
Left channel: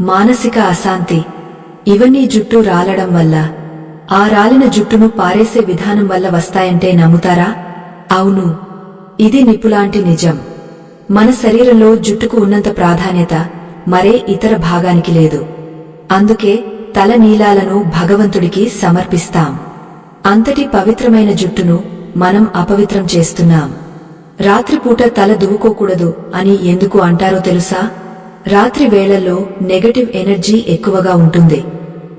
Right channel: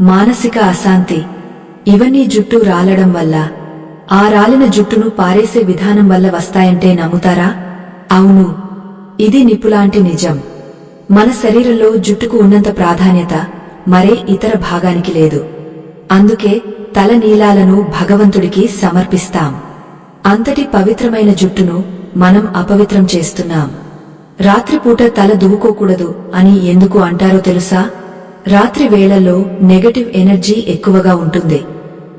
మానసిక అశాంతి, ఇవన్నీ జుట్టు రాలడం వల్ల, ఆ రాలిన జుట్టును పారేసే విధానం వల్ల వస్తాయంటే నమ్ముతారా? అవును, ఇది నిప్పులాంటి నిజం. మన శరీరంలో జుట్టుకు ఉన్నంత ప్రాధాన్యత మరే ఇతర భాగానికి లేదు. అందుకే తల నీలాలను భగవంతుడికి సమర్పిస్తాం. అంతటి పవిత్రమైన జుట్టును మనం అపవిత్రం చేస్తున్నాం. రాత్రిపూట తల దువ్వుకోకూడదు అని ఎందుకు అంటారో తెలుసా? రాత్రి వేళల్లో నెగటివ్ ఎనర్జీ ఎక్కువగా ఉంటుంది.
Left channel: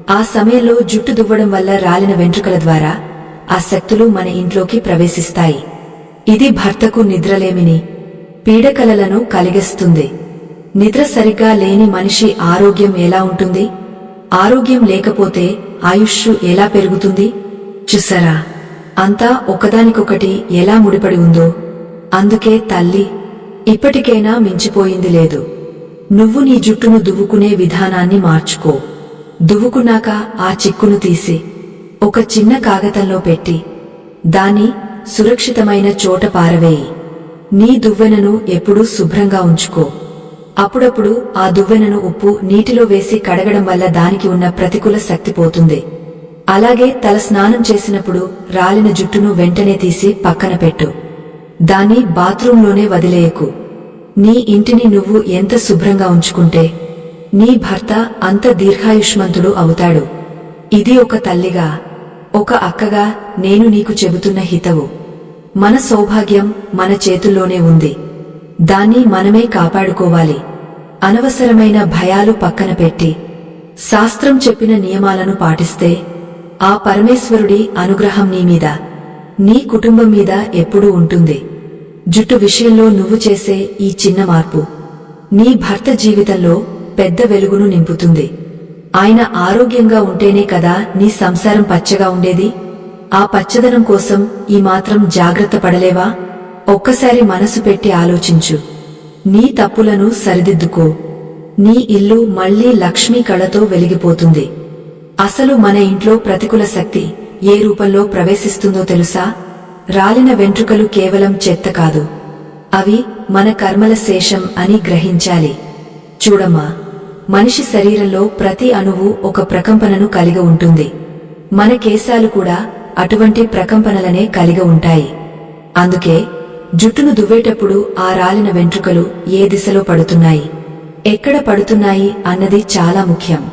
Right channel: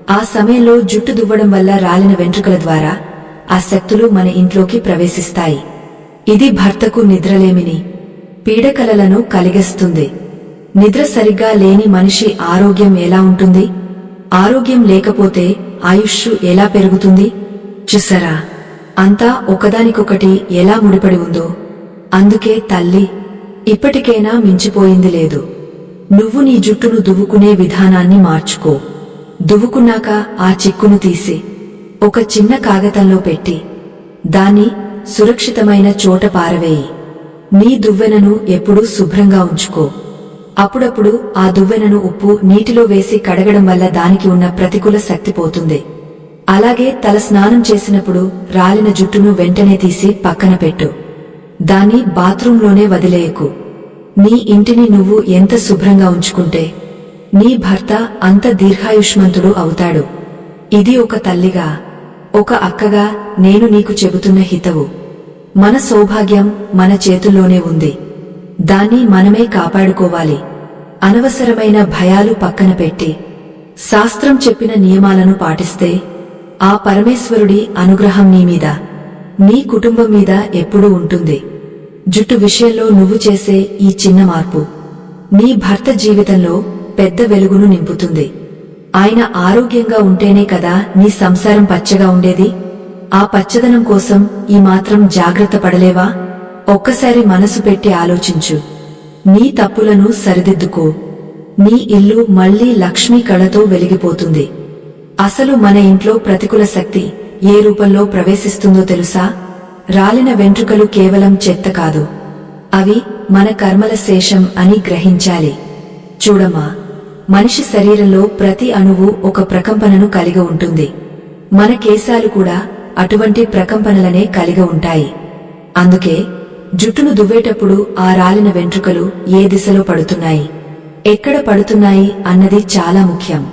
ఆ సమయంలో జుట్టు దువ్వడం వల్ల రాలిన వెంట్రుకల ద్వారా ఆ శక్తులు మన ఇంట్లోకి ప్రవేశిస్తాయి. ఇది భర్తకు నిద్రలేమిని, పీడకలలను కలిగిస్తుంది. నిద్ర సరిగ్గా లేని మనిషి ఆరోగ్యం ఎలా ఉంటుంది? ఆరోగ్యం లేకపోతే ఆయుష్షు ఎలా పెరుగుతుంది? చూసారా, అంతా ఒకదానికొకటి ఎలా ముడిపడి ఉందో. అందుకే తల్లి, ఇప్పటికైనా మించిపోయింది లేదు. నువ్వు నీ జుట్టును దువ్వుకునే విధానాన్ని మార్చుకో. దువ్వుకున్నాక ఆ చిక్కును తీసి ఒక చిన్న కాగతంలో పెట్టి దాన్ని సురక్షితమైన చోట పారవేయి. నీ దువ్వెనను ఎప్పుడూ శుభ్రంగా ఉంచుకో. అప్పుడప్పుడు ఆ దువ్వెనను ఉప్పు నీటిలో వేసి కడగడం వల్ల దానికి ఉన్న ప్రతికూల శక్తి పోతుంది. అలాగే తల స్నానం చేసినప్పుడు రాలిన జుట్టును వెంటనే తీసి పక్కన పెట్టు. దాన్ని బాత్రూంలోనే వదిలేయకు. నీ ఇంటిని నువ్వు ఎంత శుభ్రంగా ఉంచుకుంటే నీ భర్త అంత దీర్ఘాయుష్మంతుడు అవుతాడు. ఇది ఒక తల్లిగా, ఒక అక్కగా నేను నీకు చెబుతున్న హితవు. మన సౌభాగ్యం మన చేతుల్లోనే ఉంది. దాన్ని మనమే కాపాడుకోవాలి. అనవసరమైన భయాలు పక్కన పెట్టి శాస్త్రం చెప్పిన నియమాలను పాటిస్తే ఆ పరమేశ్వరుడి అనుగ్రహం నీ మీద, నీ కుటుంబం మీద ఎప్పుడూ ఉంటుంది. జుట్టు విషయంలో నువ్వు చేసే ఈ చిన్న మార్పు నీ భర్త జీవితంలో పెద్ద వెలుగును నింపుతుంది. ఆయన ఆరోగ్యంగా ఉంటేనే కదా నీ సంసారం పచ్చగా ఉండేది. ఆ పచ్చదనం కోసం ఈ మాత్రం జాగ్రత్త పడలేవా? ఒక్కసారి మనసు పెట్టి ఆలోచించు. నీ తప్పులను సరిదిద్దుకో. నీ ఇల్లు మళ్లీ లక్ష్మీ కళతో వెలిగిపోతుంది. అసలు మన ఇంట్లో ప్రతికూల శక్తి ఏ రూపంలో ప్రవేశిస్తుందో తెలుసా? రాలిన వెంట్రుకలు కేవలం చెత్త కాదు, అవి మన కర్మల శేషం అని గ్రహించాలి. చూడమ్మా, మనిషి శరీరంలో ప్రతి అణువు ఒక ప్రకంపనను కలిగి ఉంటుంది. మన కేశాలు కూడా అటువంటి ప్రకంపనలనే కలిగి ఉంటాయి. అందుకే జుట్టును దువ్వేటప్పుడు ఆ రాలిన వెంట్రుకలు ఏ దిశలో పడుతున్నాయి, ఎక్కడ పడుతున్నాయి అన్నది చాలా ముఖ్యం.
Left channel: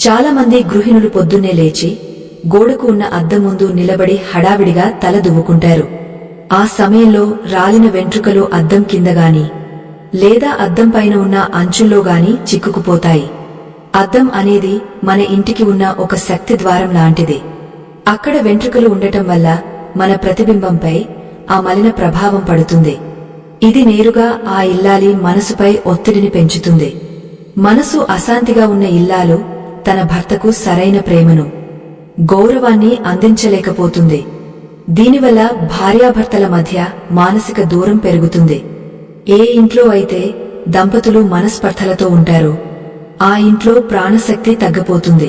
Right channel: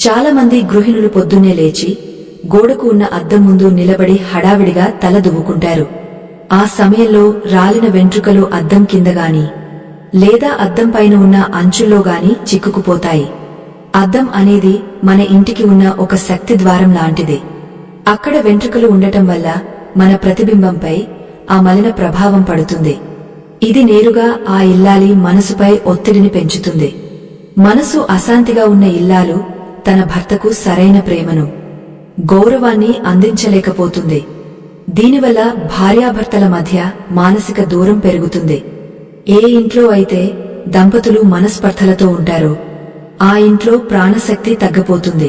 చాలామంది గృహిణులు పొద్దున్నే లేచి గోడకు ఉన్న అద్దం ముందు నిలబడి హడావిడిగా తల దువ్వుకుంటారు. ఆ సమయంలో రాలిన వెంట్రుకలు అద్దం కిందగాని లేదా అద్దం పైన ఉన్న అంచుల్లోగాని చిక్కుకుపోతాయి. అద్దం అనేది మన ఇంటికి ఉన్న ఒక శక్తి ద్వారం లాంటిది. అక్కడ వెంట్రుకలు ఉండటం వల్ల మన ప్రతిబింబంపై ఆ మలిన ప్రభావం పడుతుంది. ఇది నేరుగా ఆ ఇల్లాలి మనసుపై ఒత్తిడిని పెంచుతుంది. మనసు అశాంతిగా ఉన్న ఇల్లాలు తన భర్తకు సరైన ప్రేమను, గౌరవాన్ని అందించలేకపోతుంది. దీనివల్ల భార్యాభర్తల మధ్య మానసిక దూరం పెరుగుతుంది. ఏ ఇంట్లో అయితే దంపతులు మనస్పర్ధలతో ఉంటారో ఆ ఇంట్లో ప్రాణశక్తి తగ్గిపోతుంది.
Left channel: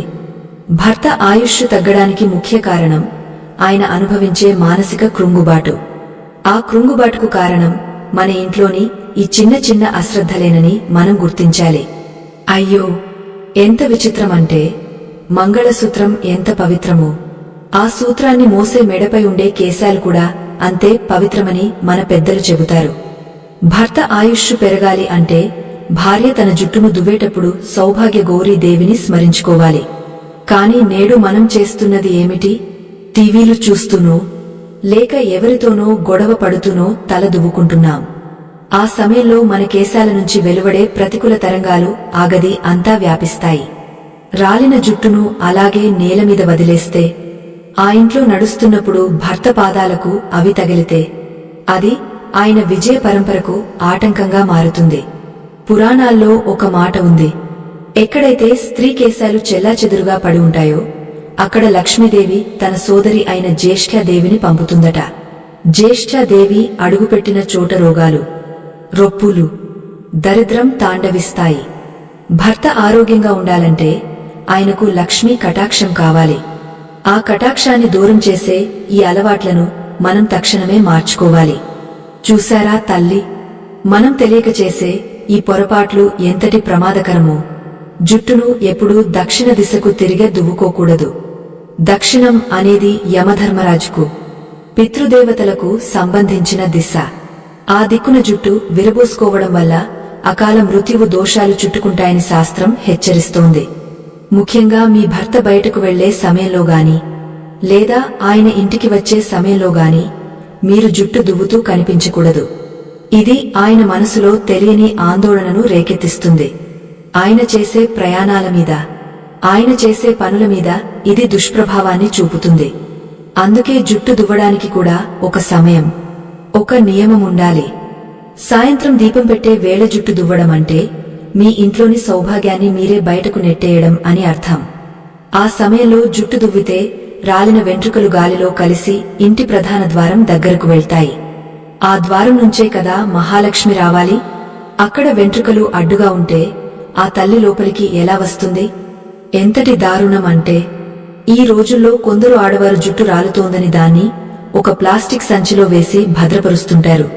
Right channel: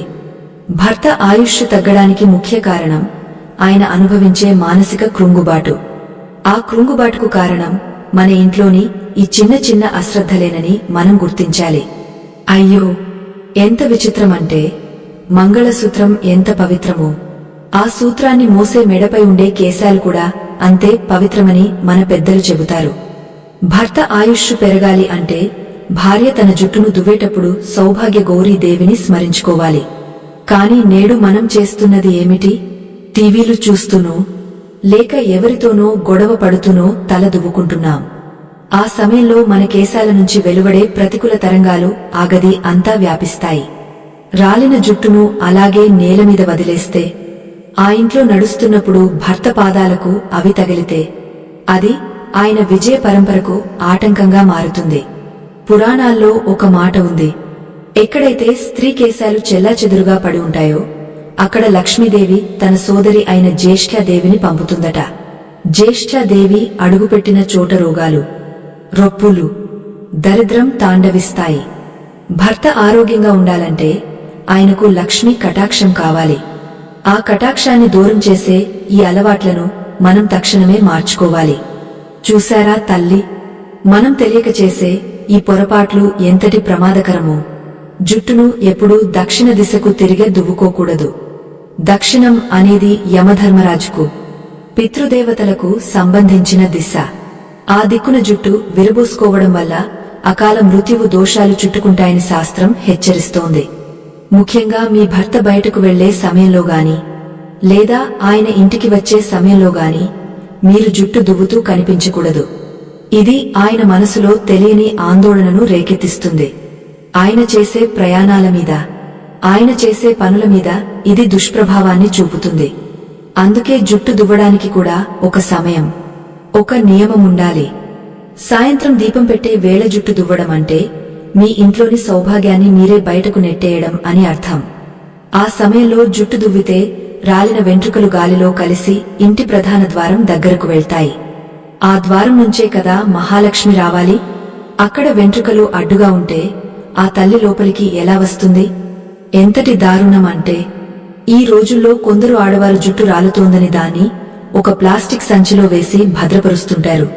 భర్త ఆయుష్ తగ్గడానికి ముఖ్య కారణం ఆయన అనుభవించే మానసిక కృంగుబాటు. ఆ కృంగుబాటుకు కారణం మన ఇంట్లోని ఈ చిన్న చిన్న అశ్రద్ధలేనని మనం గుర్తించాలి. అయ్యో, ఎంత విచిత్రమంటే మంగళసూత్రం ఎంత పవిత్రమో ఆ సూత్రాన్ని మోసే మెడపై ఉండే కేశాలు కూడా అంతే పవిత్రమని మన పెద్దలు చెబుతారు. భర్త ఆయుష్ పెరగాలి అంటే భార్య తన జుట్టును దువ్వేటప్పుడు సౌభాగ్య గౌరీ దేవిని స్మరించుకోవాలి. కాని నేడు మనం చేస్తున్నది ఏమిటి? టీవీలు చూస్తూనో లేక ఎవరితోనో గొడవ పడుతూనో తల దువ్వుకుంటున్నాం. ఆ సమయంలో మన కేశాల నుంచి వెలువడే ప్రతికూల తరంగాలు ఆ గది అంతా వ్యాపిస్తాయి. రాలిన జుట్టును అలాగే నేలమీద వదిలేస్తే ఆ ఇంట్లో నడుస్తున్నప్పుడు భర్త పాదాలకు అవి తగిలితే అది ఆయన విజయ పరంపరకు ఆటంకంగా మారుతుంది. పురాణాల్లో ఒక మాట ఉంది, ఎక్కడైతే స్త్రీ కేశాలు చెల్లాచెదురుగా పడి ఉంటాయో అక్కడ లక్ష్మీదేవి తన సోదరి అయిన జ్యేష్ఠాదేవిని పంపుతుందట. జ్యేష్ఠాదేవి అడుగుపెట్టిన చోట రోగాలు, రొప్పులు, దరిద్రం తాండవిస్తాయి. భర్త ఆరోగ్యంగా ఉండాలంటే ఆయనకు లక్ష్మీ కటాక్షం కావాలి. ఆ కటాక్షాన్ని దూరం చేసే ఈ అలవాట్లను మనం తక్షణమే మార్చుకోవాలి. చూశారా తల్లి, మనం తెలియక చేసే ఈ పొరపాట్లు ఎంతటి ప్రమాదకరమో. జుట్టును ఎప్పుడూ దక్షిణ దిశకు తిరిగే దువ్వుకోకూడదు. దక్షిణం అనేది యమధర్మరాజుకు, పితృదేవతలకు సంబంధించిన దిశ. ఆ దిక్కున జుట్టు విరబోసుకోవడం వల్ల అకాల మృత్యువు దోషాలు చుట్టుకుంటాయని శాస్త్రం హెచ్చరిస్తోంది. ముఖ్యంగా మీ భర్త బయటకు వెళ్లే సమయంలో గాని లేదా ఆయన ఇంటికి వచ్చే సమయంలో గాని మీరు జుట్టు దువ్వుతూ కనిపించకూడదు. ఇది ఆయన మనసులో తెలియని ఆందోళనను రేకెత్తిస్తుంది. ఆయన చేసే ప్రయాణాల మీద, ఆయన చేసే పనుల మీద ఇది దుష్ప్రభావాన్ని చూపుతుంది. అందుకే జుట్టు దువ్వడానికి కూడా ఒక సమయం, ఒక నియమముండాలి. సాయంత్రం దీపం పెట్టే వేళ జుట్టు దువ్వడం అంటే మీ ఇంట్లోని సౌభాగ్యాన్ని మీరే బయటకు నెట్టేయడం అని అర్థం. ఆ సమయంలో జుట్టు దువ్వితే రాలిన వెంట్రుకలు గాలిలో కలిసి ఇంటి ప్రధాన ద్వారం దగ్గరకు వెళ్తాయి. ఆ ద్వారం నుంచే కదా మహాలక్ష్మి రావాలి. అక్కడ వెంట్రుకలు అడ్డుగా ఉంటే ఆ తల్లి లోపలికి ఎలా వస్తుంది? ఎంతటి దారుణం అంటే ఈ రోజుల్లో కొందరు ఆడవారు జుట్టు రాలుతోందని దాన్ని ఒక ప్లాస్టిక్ సంచిలో వేసి భద్రపరుస్తుంటారు.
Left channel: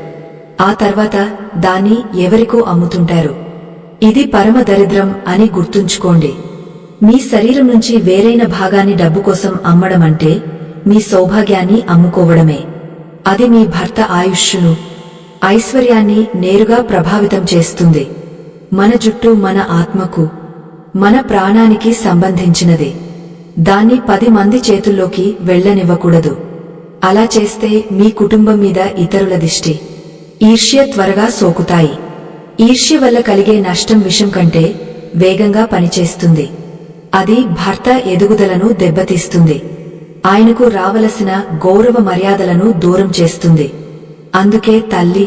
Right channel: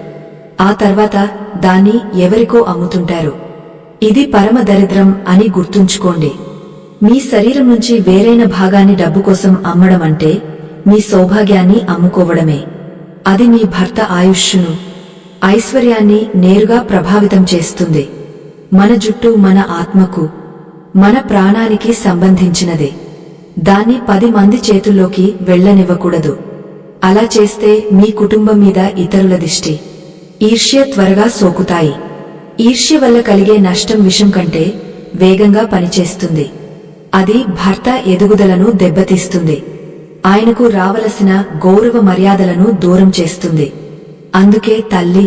ఆ తర్వాత దాన్ని ఎవరికో అమ్ముతుంటారు. ఇది పరమ దరిద్రం అని గుర్తుంచుకోండి. మీ శరీరం నుంచి వేరైన భాగాన్ని డబ్బు కోసం అమ్మడం అంటే మీ సౌభాగ్యాన్ని అమ్ముకోవడమే. అది మీ భర్త ఆయుష్షును, ఐశ్వర్యాన్ని నేరుగా ప్రభావితం చేస్తుంది. మన జుట్టు మన ఆత్మకు, మన ప్రాణానికి సంబంధించినది. దాన్ని 10 మంది చేతుల్లోకి వెళ్లనివ్వకూడదు. అలా చేస్తే మీ కుటుంబం మీద ఇతరుల దిష్టి, ఈర్ష్య త్వరగా సోకుతాయి. ఈర్ష్య వల్ల కలిగే నష్టం విషం కంటే వేగంగా పనిచేస్తుంది. అది భర్త ఎదుగుదలను దెబ్బతీస్తుంది. ఆయనకు రావలసిన గౌరవ మర్యాదలను దూరం చేస్తుంది. అందుకే తల్లి,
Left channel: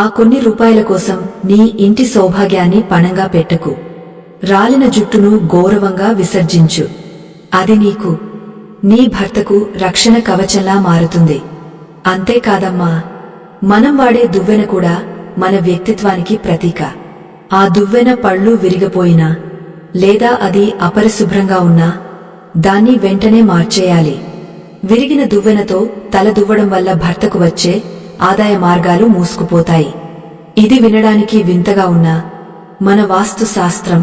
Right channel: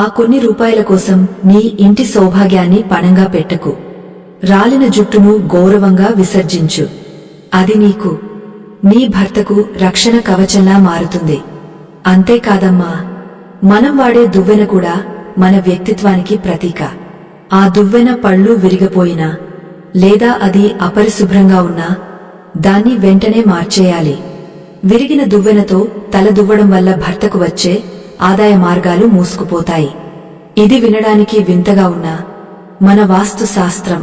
ఆ కొన్ని రూపాయల కోసం నీ ఇంటి సౌభాగ్యాన్ని పణంగా పెట్టకు. రాలిన జుట్టును గౌరవంగా విసర్జించు. అది నీకు, నీ భర్తకు రక్షణ కవచంలా మారుతుంది. అంతేకాదమ్మా, మనం వాడే దువ్వెన కూడా మన వ్యక్తిత్వానికి ప్రతీక. ఆ దువ్వెన పళ్ళు విరిగిపోయినా లేదా అది అపరిశుభ్రంగా ఉన్నా దాన్ని వెంటనే మార్చేయాలి. విరిగిన దువ్వెనతో తల దువ్వడం వల్ల భర్తకు వచ్చే ఆదాయ మార్గాలు మూసుకుపోతాయి. ఇది వినడానికి వింతగా ఉన్నా మన వాస్తు శాస్త్రం,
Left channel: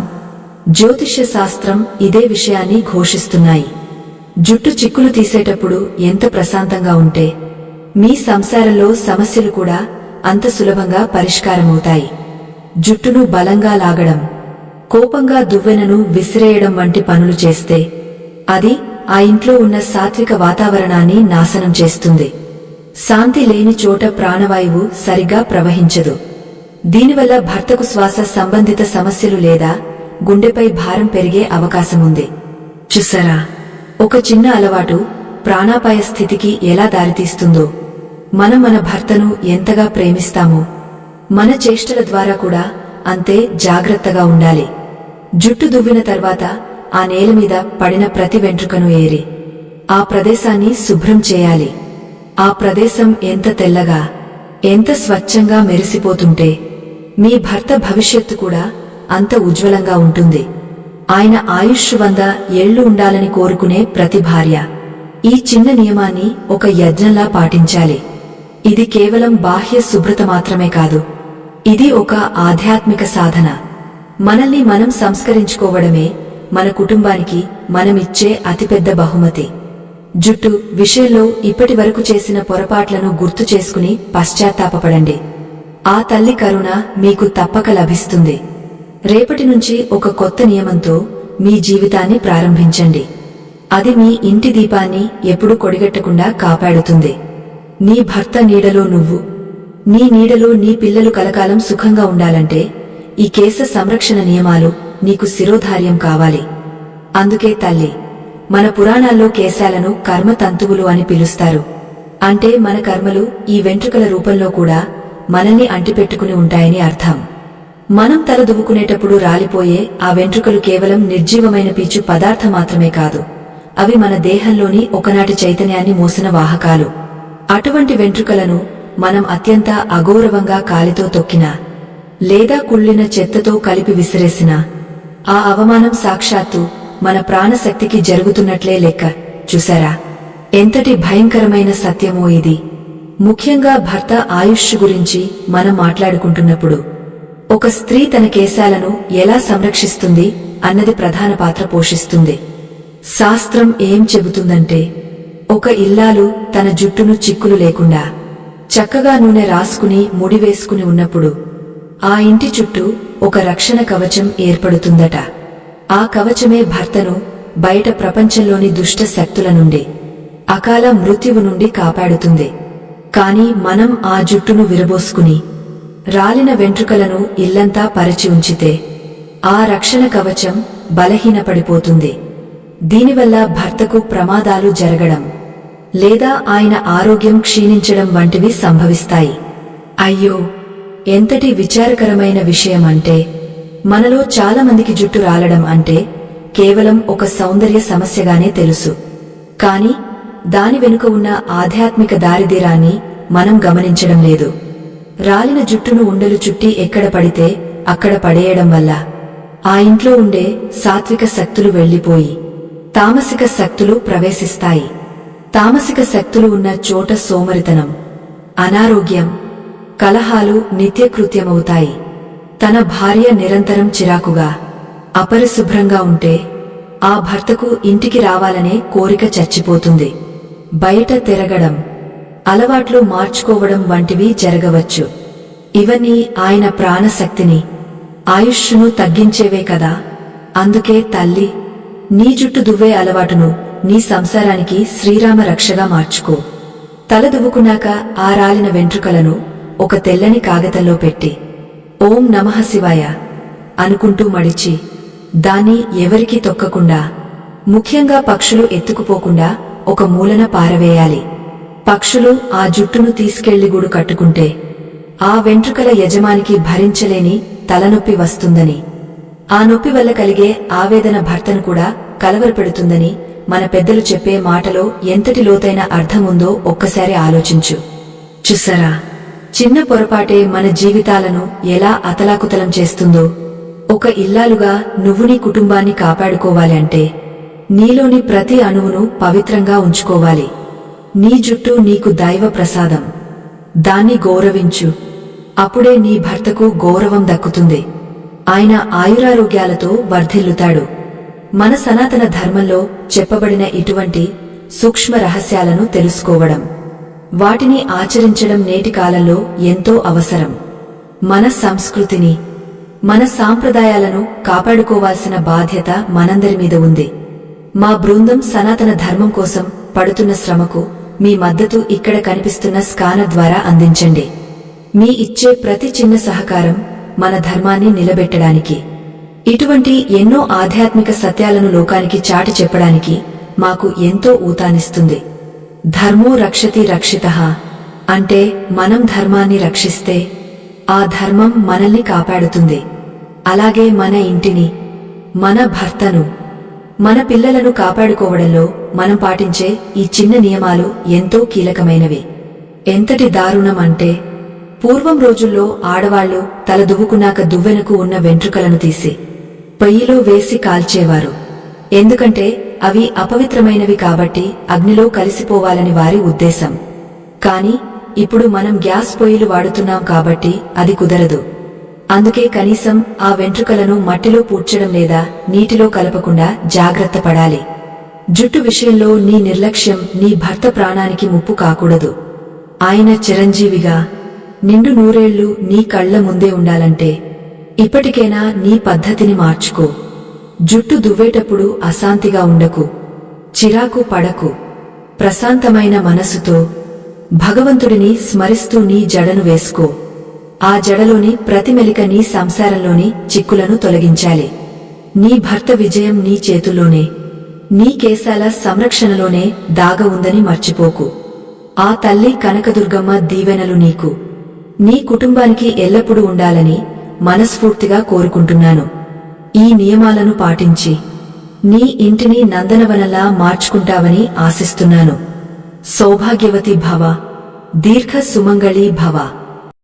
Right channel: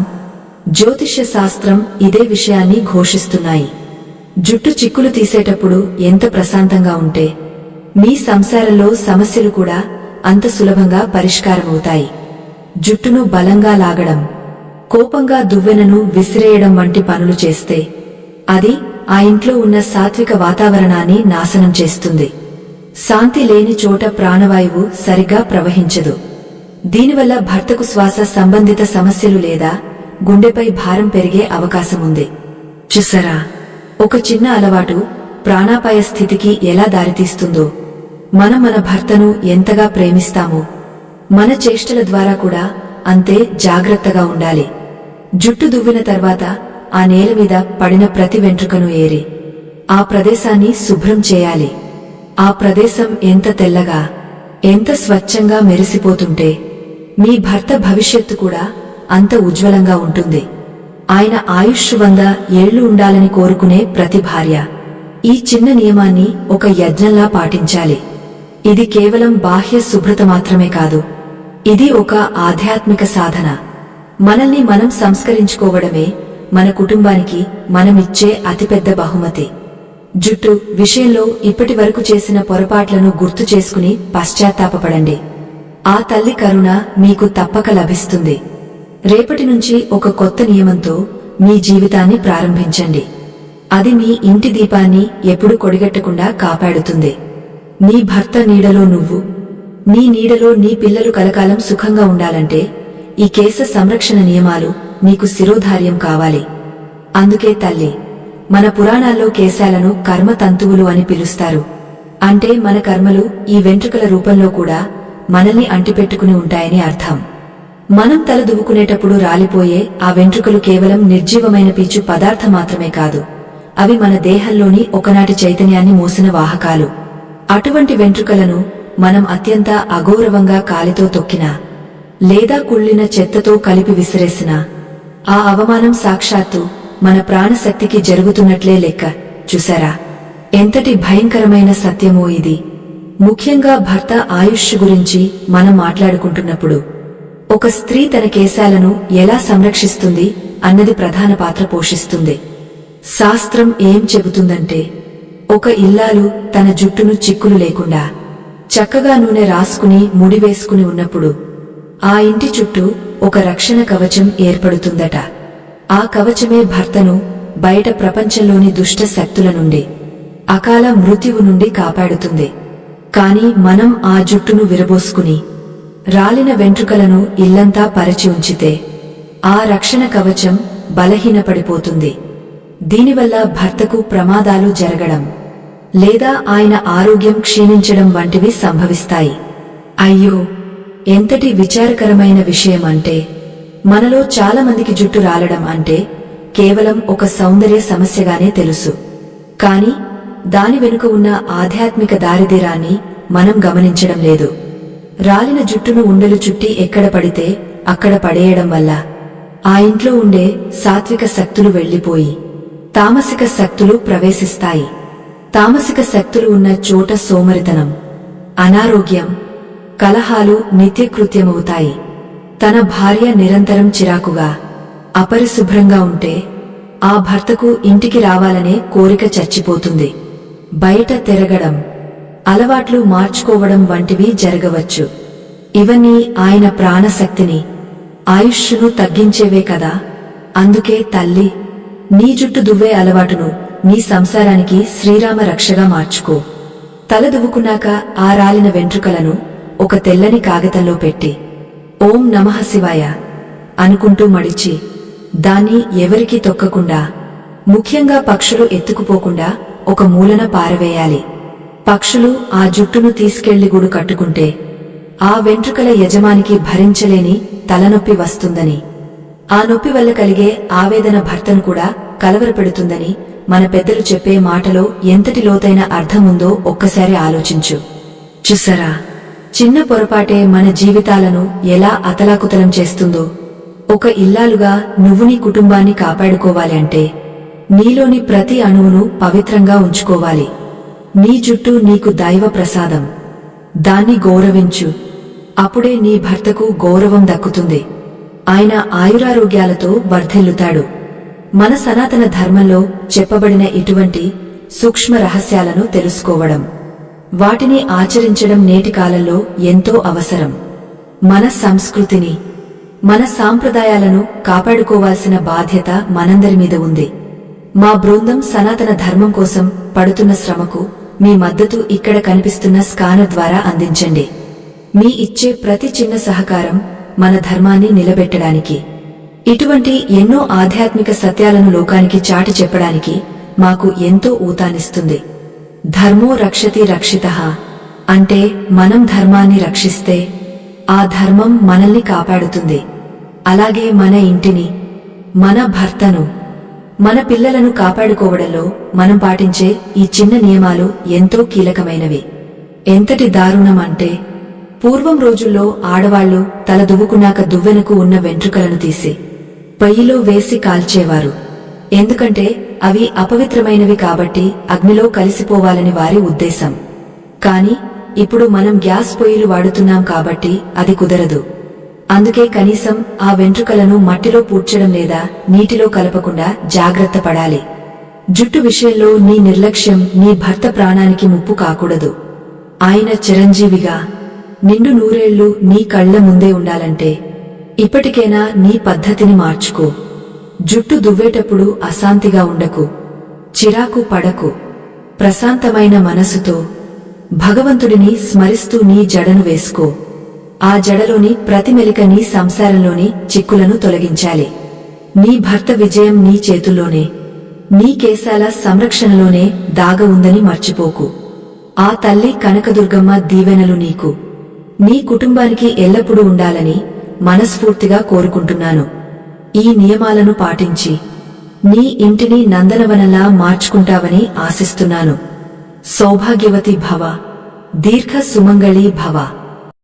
జ్యోతిష్య శాస్త్రం ఇదే విషయాన్ని ఘోషిస్తున్నాయి. జుట్టు చిక్కులు తీసేటప్పుడు ఎంత ప్రశాంతంగా ఉంటే మీ సంసారంలో సమస్యలు కూడా అంత సులభంగా పరిష్కారమవుతాయి. జుట్టును బలంగా లాగడం, కోపంగా దువ్వెనను విసిరేయడం వంటి పనులు చేస్తే అది ఆ ఇంట్లో ఉన్న సాత్విక వాతావరణాన్ని నాశనం చేస్తుంది. శాంతి లేని చోట ప్రాణవాయువు సరిగ్గా ప్రవహించదు. దీనివల్ల భర్తకు శ్వాస సంబంధిత సమస్యలు లేదా గుండెపై భారం పెరిగే అవకాశముంది. చూసారా, ఒక చిన్న అలవాటు ప్రాణాపాయ స్థితికి ఎలా దారితీస్తుందో. మనం మన భర్తను ఎంతగా ప్రేమిస్తామో మన చేష్టల ద్వారా కూడా అంతే జాగ్రత్తగా ఉండాలి. జుట్టు దువ్విన తర్వాత ఆ నేల మీద పడిన ప్రతి వెంట్రుకను ఏరి ఆ ప్రదేశాన్ని శుభ్రం చేయాలి. ఆ ప్రదేశం ఎంత తెల్లగా, ఎంత స్వచ్ఛంగా మెరిసిపోతుంటే మీ భర్త భవిష్యత్తు కూడా అంత ఉజ్వలంగా ఉంటుంది. ఆయన ఆయుష్ 100 ఏళ్లు ఉండాలని కోరుకునే ప్రతి భార్య ఈ చిన్న నియమాన్ని ఒక యజ్ఞంలా పాటించాలి. ఇది కేవలం బాహ్య శుభ్రత మాత్రమే కాదు, ఇది ఒక ఆధ్యాత్మిక సాధన. మనల్ని మనం సంస్కరించుకోవడమే మన కుటుంబానికి మనమిచ్చే అతిపెద్ద బహుమతి. జుట్టు విషయంలో ఇప్పటి వరకు చేసిన పొరపాట్లను గుర్తు చేసుకుని పశ్చాత్తాపపడండి. ఆ తల్లి కరుణ మీకు తప్పక లభిస్తుంది. రేపటి నుంచి ఒక కొత్త నియమంతో మీ జీవితాన్ని ప్రారంభించండి. అది మీ ఇంటి దీపాన్ని ఎప్పుడూ కొడిగట్టకుండా కాపాడుతుంది. నీ భర్త నీడలో నువ్వు, నీ నీడలో నీ పిల్లలు కలకాలం సుఖంగా ఉండాలంటే ఈ కేశ సంరక్షణ నియమాలు నీకు శిరోధార్యం కావాలి. అందుకే తల్లి, మన పురాణాల్లో కేశాలను కర్మతంతువులు అని పిలుస్తారు. అంటే మన కర్మలు ఈ వెంట్రుకల రూపంలో కూడా మనల్ని అంటిపెట్టుకుని ఉంటాయని అర్థం. మనం తల దువ్వుకునేటప్పుడు రాలిపోయే ఆ వెంట్రుకలు కేవలం నిర్జీవమైన పీచు పదార్థం మాత్రమే కాదు, అవి మన దేహంలోని ఒకనాటి చైతన్యాన్ని మోసిన వాహకాలు. అటువంటి వెంట్రుకలను మనం అత్యంత అగౌరవంగా కాలితో తొక్కినా లేదా కుళ్ళిన చెత్తతో కలిపి విసిరేసినా ఆ అవమానం సాక్షాత్తు మన ప్రాణశక్తికి జరుగుతున్నట్లే లెక్క. చూసారా, ఎంతటి భయంకరమైన సత్యమో ఇది. ముఖ్యంగా భర్త ఆయుష్ గురించి మనం మాట్లాడుకుంటున్నప్పుడు ఒక స్త్రీ తన కేశాలను ఎలా సంరక్షిస్తుంది అన్నది ప్రధాన పాత్ర పోషిస్తుంది. శాస్త్రం ఏం చెబుతుందంటే, ఒక ఇల్లాలు తన జుట్టును చిక్కులు లేకుండా చక్కగా నూనె రాసుకుని ముడివేసుకుని ఉన్నప్పుడు ఆ ఇంటి చుట్టూ ఒక రక్షణ కవచం ఏర్పడుతుందట. ఆ కవచమే భర్తను బయట ప్రపంచంలోని దుష్ట శక్తుల నుండి, అకాల మృత్యువు నుండి కాపాడుతుంది. కాని మనం ఆ జుట్టును విరబోసుకుని రాలిన వెంట్రుకలను ఇల్లంతా పరిచి ఉంచితే ఆ రక్షణ కవచం బలహీనపడిపోతుంది. దీనివల్ల భర్తకు ప్రమాదాలు జరగడం లేదా ఆయన ఆరోగ్యం క్షీణించడం వంటివి సంభవిస్తాయి. అయ్యో, ఎంతటి విచారకరమైన విషయమంటే, మనలో చాలామందికి జుట్టు రాలడం అంటే కేవలం ఒక సౌందర్య సమస్యగానే తెలుసు. కాని దాని వెనుక ఉన్న ఆధ్యాత్మిక దారిద్ర్యాన్ని మనం గమనించడం లేదు. రాలిన జుట్టును ఉండలు చుట్టి ఎక్కడ పడితే అక్కడ పడేయడం వల్ల ఆ ఇంట్లో ఉండే సాత్విక శక్తులు వెళ్లిపోయి తామసిక శక్తులు ప్రవేశిస్తాయి. తామసిక శక్తులు ఉన్న చోట సోమరితనం, అనారోగ్యం, కలహాలు నిత్యకృత్యమవుతాయి. తన భార్య నిరంతరం చిరాకుగా, అపరిశుభ్రంగా ఉంటే ఆ భర్తకు ఇంటికి రావాలనే కోరిక చచ్చిపోతుంది. బయట తిరగడం, అలవాట్లు మార్చుకోవడం వంటివి జరగవచ్చు. ఇవన్నీ ఆయన ప్రాణశక్తిని, ఆయుష్షును తగ్గించేవే కదా. అందుకే తల్లి, నీ జుట్టు దువ్వే అలవాటును నీ సంసారానికి శ్రీరామ రక్షగా మార్చుకో. తల దువ్వుకున్నాక ఆ రాలిన వెంట్రుకలను ఒక తెల్లని కాగితంలో పెట్టి ఓం నమః శివాయ అనుకుంటూ మడిచి, దాన్ని ఎవరికీ తొక్కకుండా, ముఖ్యంగా పక్షులు ఎత్తుకుపోకుండా ఒక మూలన పారవేయాలి. పక్షులు ఆ జుట్టును తీసుకెళ్లి గూడు కట్టుకుంటే ఆ వెంట్రుకల యజమానికి భరించలేని తలనొప్పి వస్తుందని, ఆ నొప్పి వల్ల కలిగే ఆవేదన భర్తను కూడా కలవరపెడుతుందని మన పెద్దలు చెప్పే మాటలో ఎంతటి లోతైన అర్థముందో ఒక్కసారి ఆలోచించు. చూసారా, చిన్న పొరపాటే మన జీవితాలను ఎలా అతలాకుతలం చేస్తుందో. ఒక ఇల్లాలుగా నువ్వు నీ కుటుంబాన్ని కాపాడుకోవాలి అంటే నీలోని ప్రతి అణువును పవిత్రంగా ఉంచుకోవాలి. నీ జుట్టు నీకు దైవ ప్రసాదం. దాన్ని గౌరవించు. అప్పుడే నీ భర్తకు గౌరవం దక్కుతుంది. ఆయన ఆయురారోగ్యాలతో వర్ధిల్లుతాడు. మన సనాతన ధర్మంలో చెప్పబడిన ఇటువంటి సూక్ష్మ రహస్యాలను తెలుసుకోవడం, వాటిని ఆచరించడం నేటి కాలంలో ఎంతో అవసరం. మన సంస్కృతిని, మన సాంప్రదాయాలను కాపాడుకోవాల్సిన బాధ్యత మనందరి మీద ఉంది. మా బృందం సనాతన ధర్మం కోసం పడుతున్న శ్రమకు మీ మద్దతు ఇక్కడ కనిపిస్తున్న స్కానర్ ద్వారా అందించండి. మీ ఇచ్చే ప్రతి చిన్న సహకారం మన ధర్మాన్ని నిలబెట్టడానికి, ఇటువంటి ఎన్నో ఆధ్యాత్మిక సత్యాలను లోకానికి చాటి చెప్పడానికి మాకు ఎంతో ఊతాన్నిస్తుంది. ధర్మో రక్షతి రక్షితః అంటే మనం ధర్మాన్ని రక్షిస్తే ఆ ధర్మం మనల్ని కాపాడుతుంది. అలాగే మన ఇంటిని, మన భర్తను, మన పిల్లలను కాపాడుకోవడంలో మనం పాటించే ఈ చిన్న నియమాలు ఎంతో కీలకమైనవి. ఎంతటి దారుణం అంటే, పూర్వం రోజుల్లో ఆడవాళ్లు తల దువ్వుకున్నాక దువ్వెనకు ఉన్న వెంట్రుకలను తీసి పొయ్యిలో వేసి కాల్చేవారు. ఎందుకంటే అవి అపవిత్రమైనవి కాబట్టి అగ్నిలో కలిసిపోవాలని వారి ఉద్దేశం. కాని ఇప్పుడు మనం గ్యాస్ పొయ్యిలు వాడుతున్నాం కాబట్టి అది కుదరదు. అందుకే కనీసం ఆ వెంట్రుకలను మట్టిలో పూడ్చడం లేదా నీటిలో కలపకుండా జాగ్రత్త పడాలి. జుట్టు విషయంలో నీ నిర్లక్ష్యం నీ భర్త ప్రాణానికి ముప్పు కాకూడదు. ఆయన చిరంజీవిగా నిండు నూరేళ్లు నీ కళ్ల ముందే ఉండాలంటే ఇప్పటికైనా నీ పద్ధతిని మార్చుకో. జుట్టు దువ్వేటప్పుడు అశాంతిగా ఉండకు, చిరాకు పడకు. ప్రశాంతమైన మనసుతో భగవంతుడిని స్మరిస్తూ నీ జడను వేసుకో. ఆ జడలోని ప్రతి మెలిక నీ సంసారంలోని చిక్కులను తొలగించాలి. నీ భర్త విజయం నీ చేతుల్లోనే, నీ కేశాల సంరక్షణలోనే దాగ ఉందని మర్చిపోకు. ఆ తల్లి కనకదుర్గమ్మ దీవెనలు నీకు, నీ కుటుంబానికి ఎల్లప్పుడూ ఉండాలని మనస్ఫూర్తిగా కోరుకుంటున్నాను. ఈ నియమాలను పాటించి నీ ఇంటిని నందనవనంలా మార్చుకుంటావని ఆశిస్తున్నాను. సౌభాగ్యవతి భవ, దీర్ఘ సుమంగళీ భవ.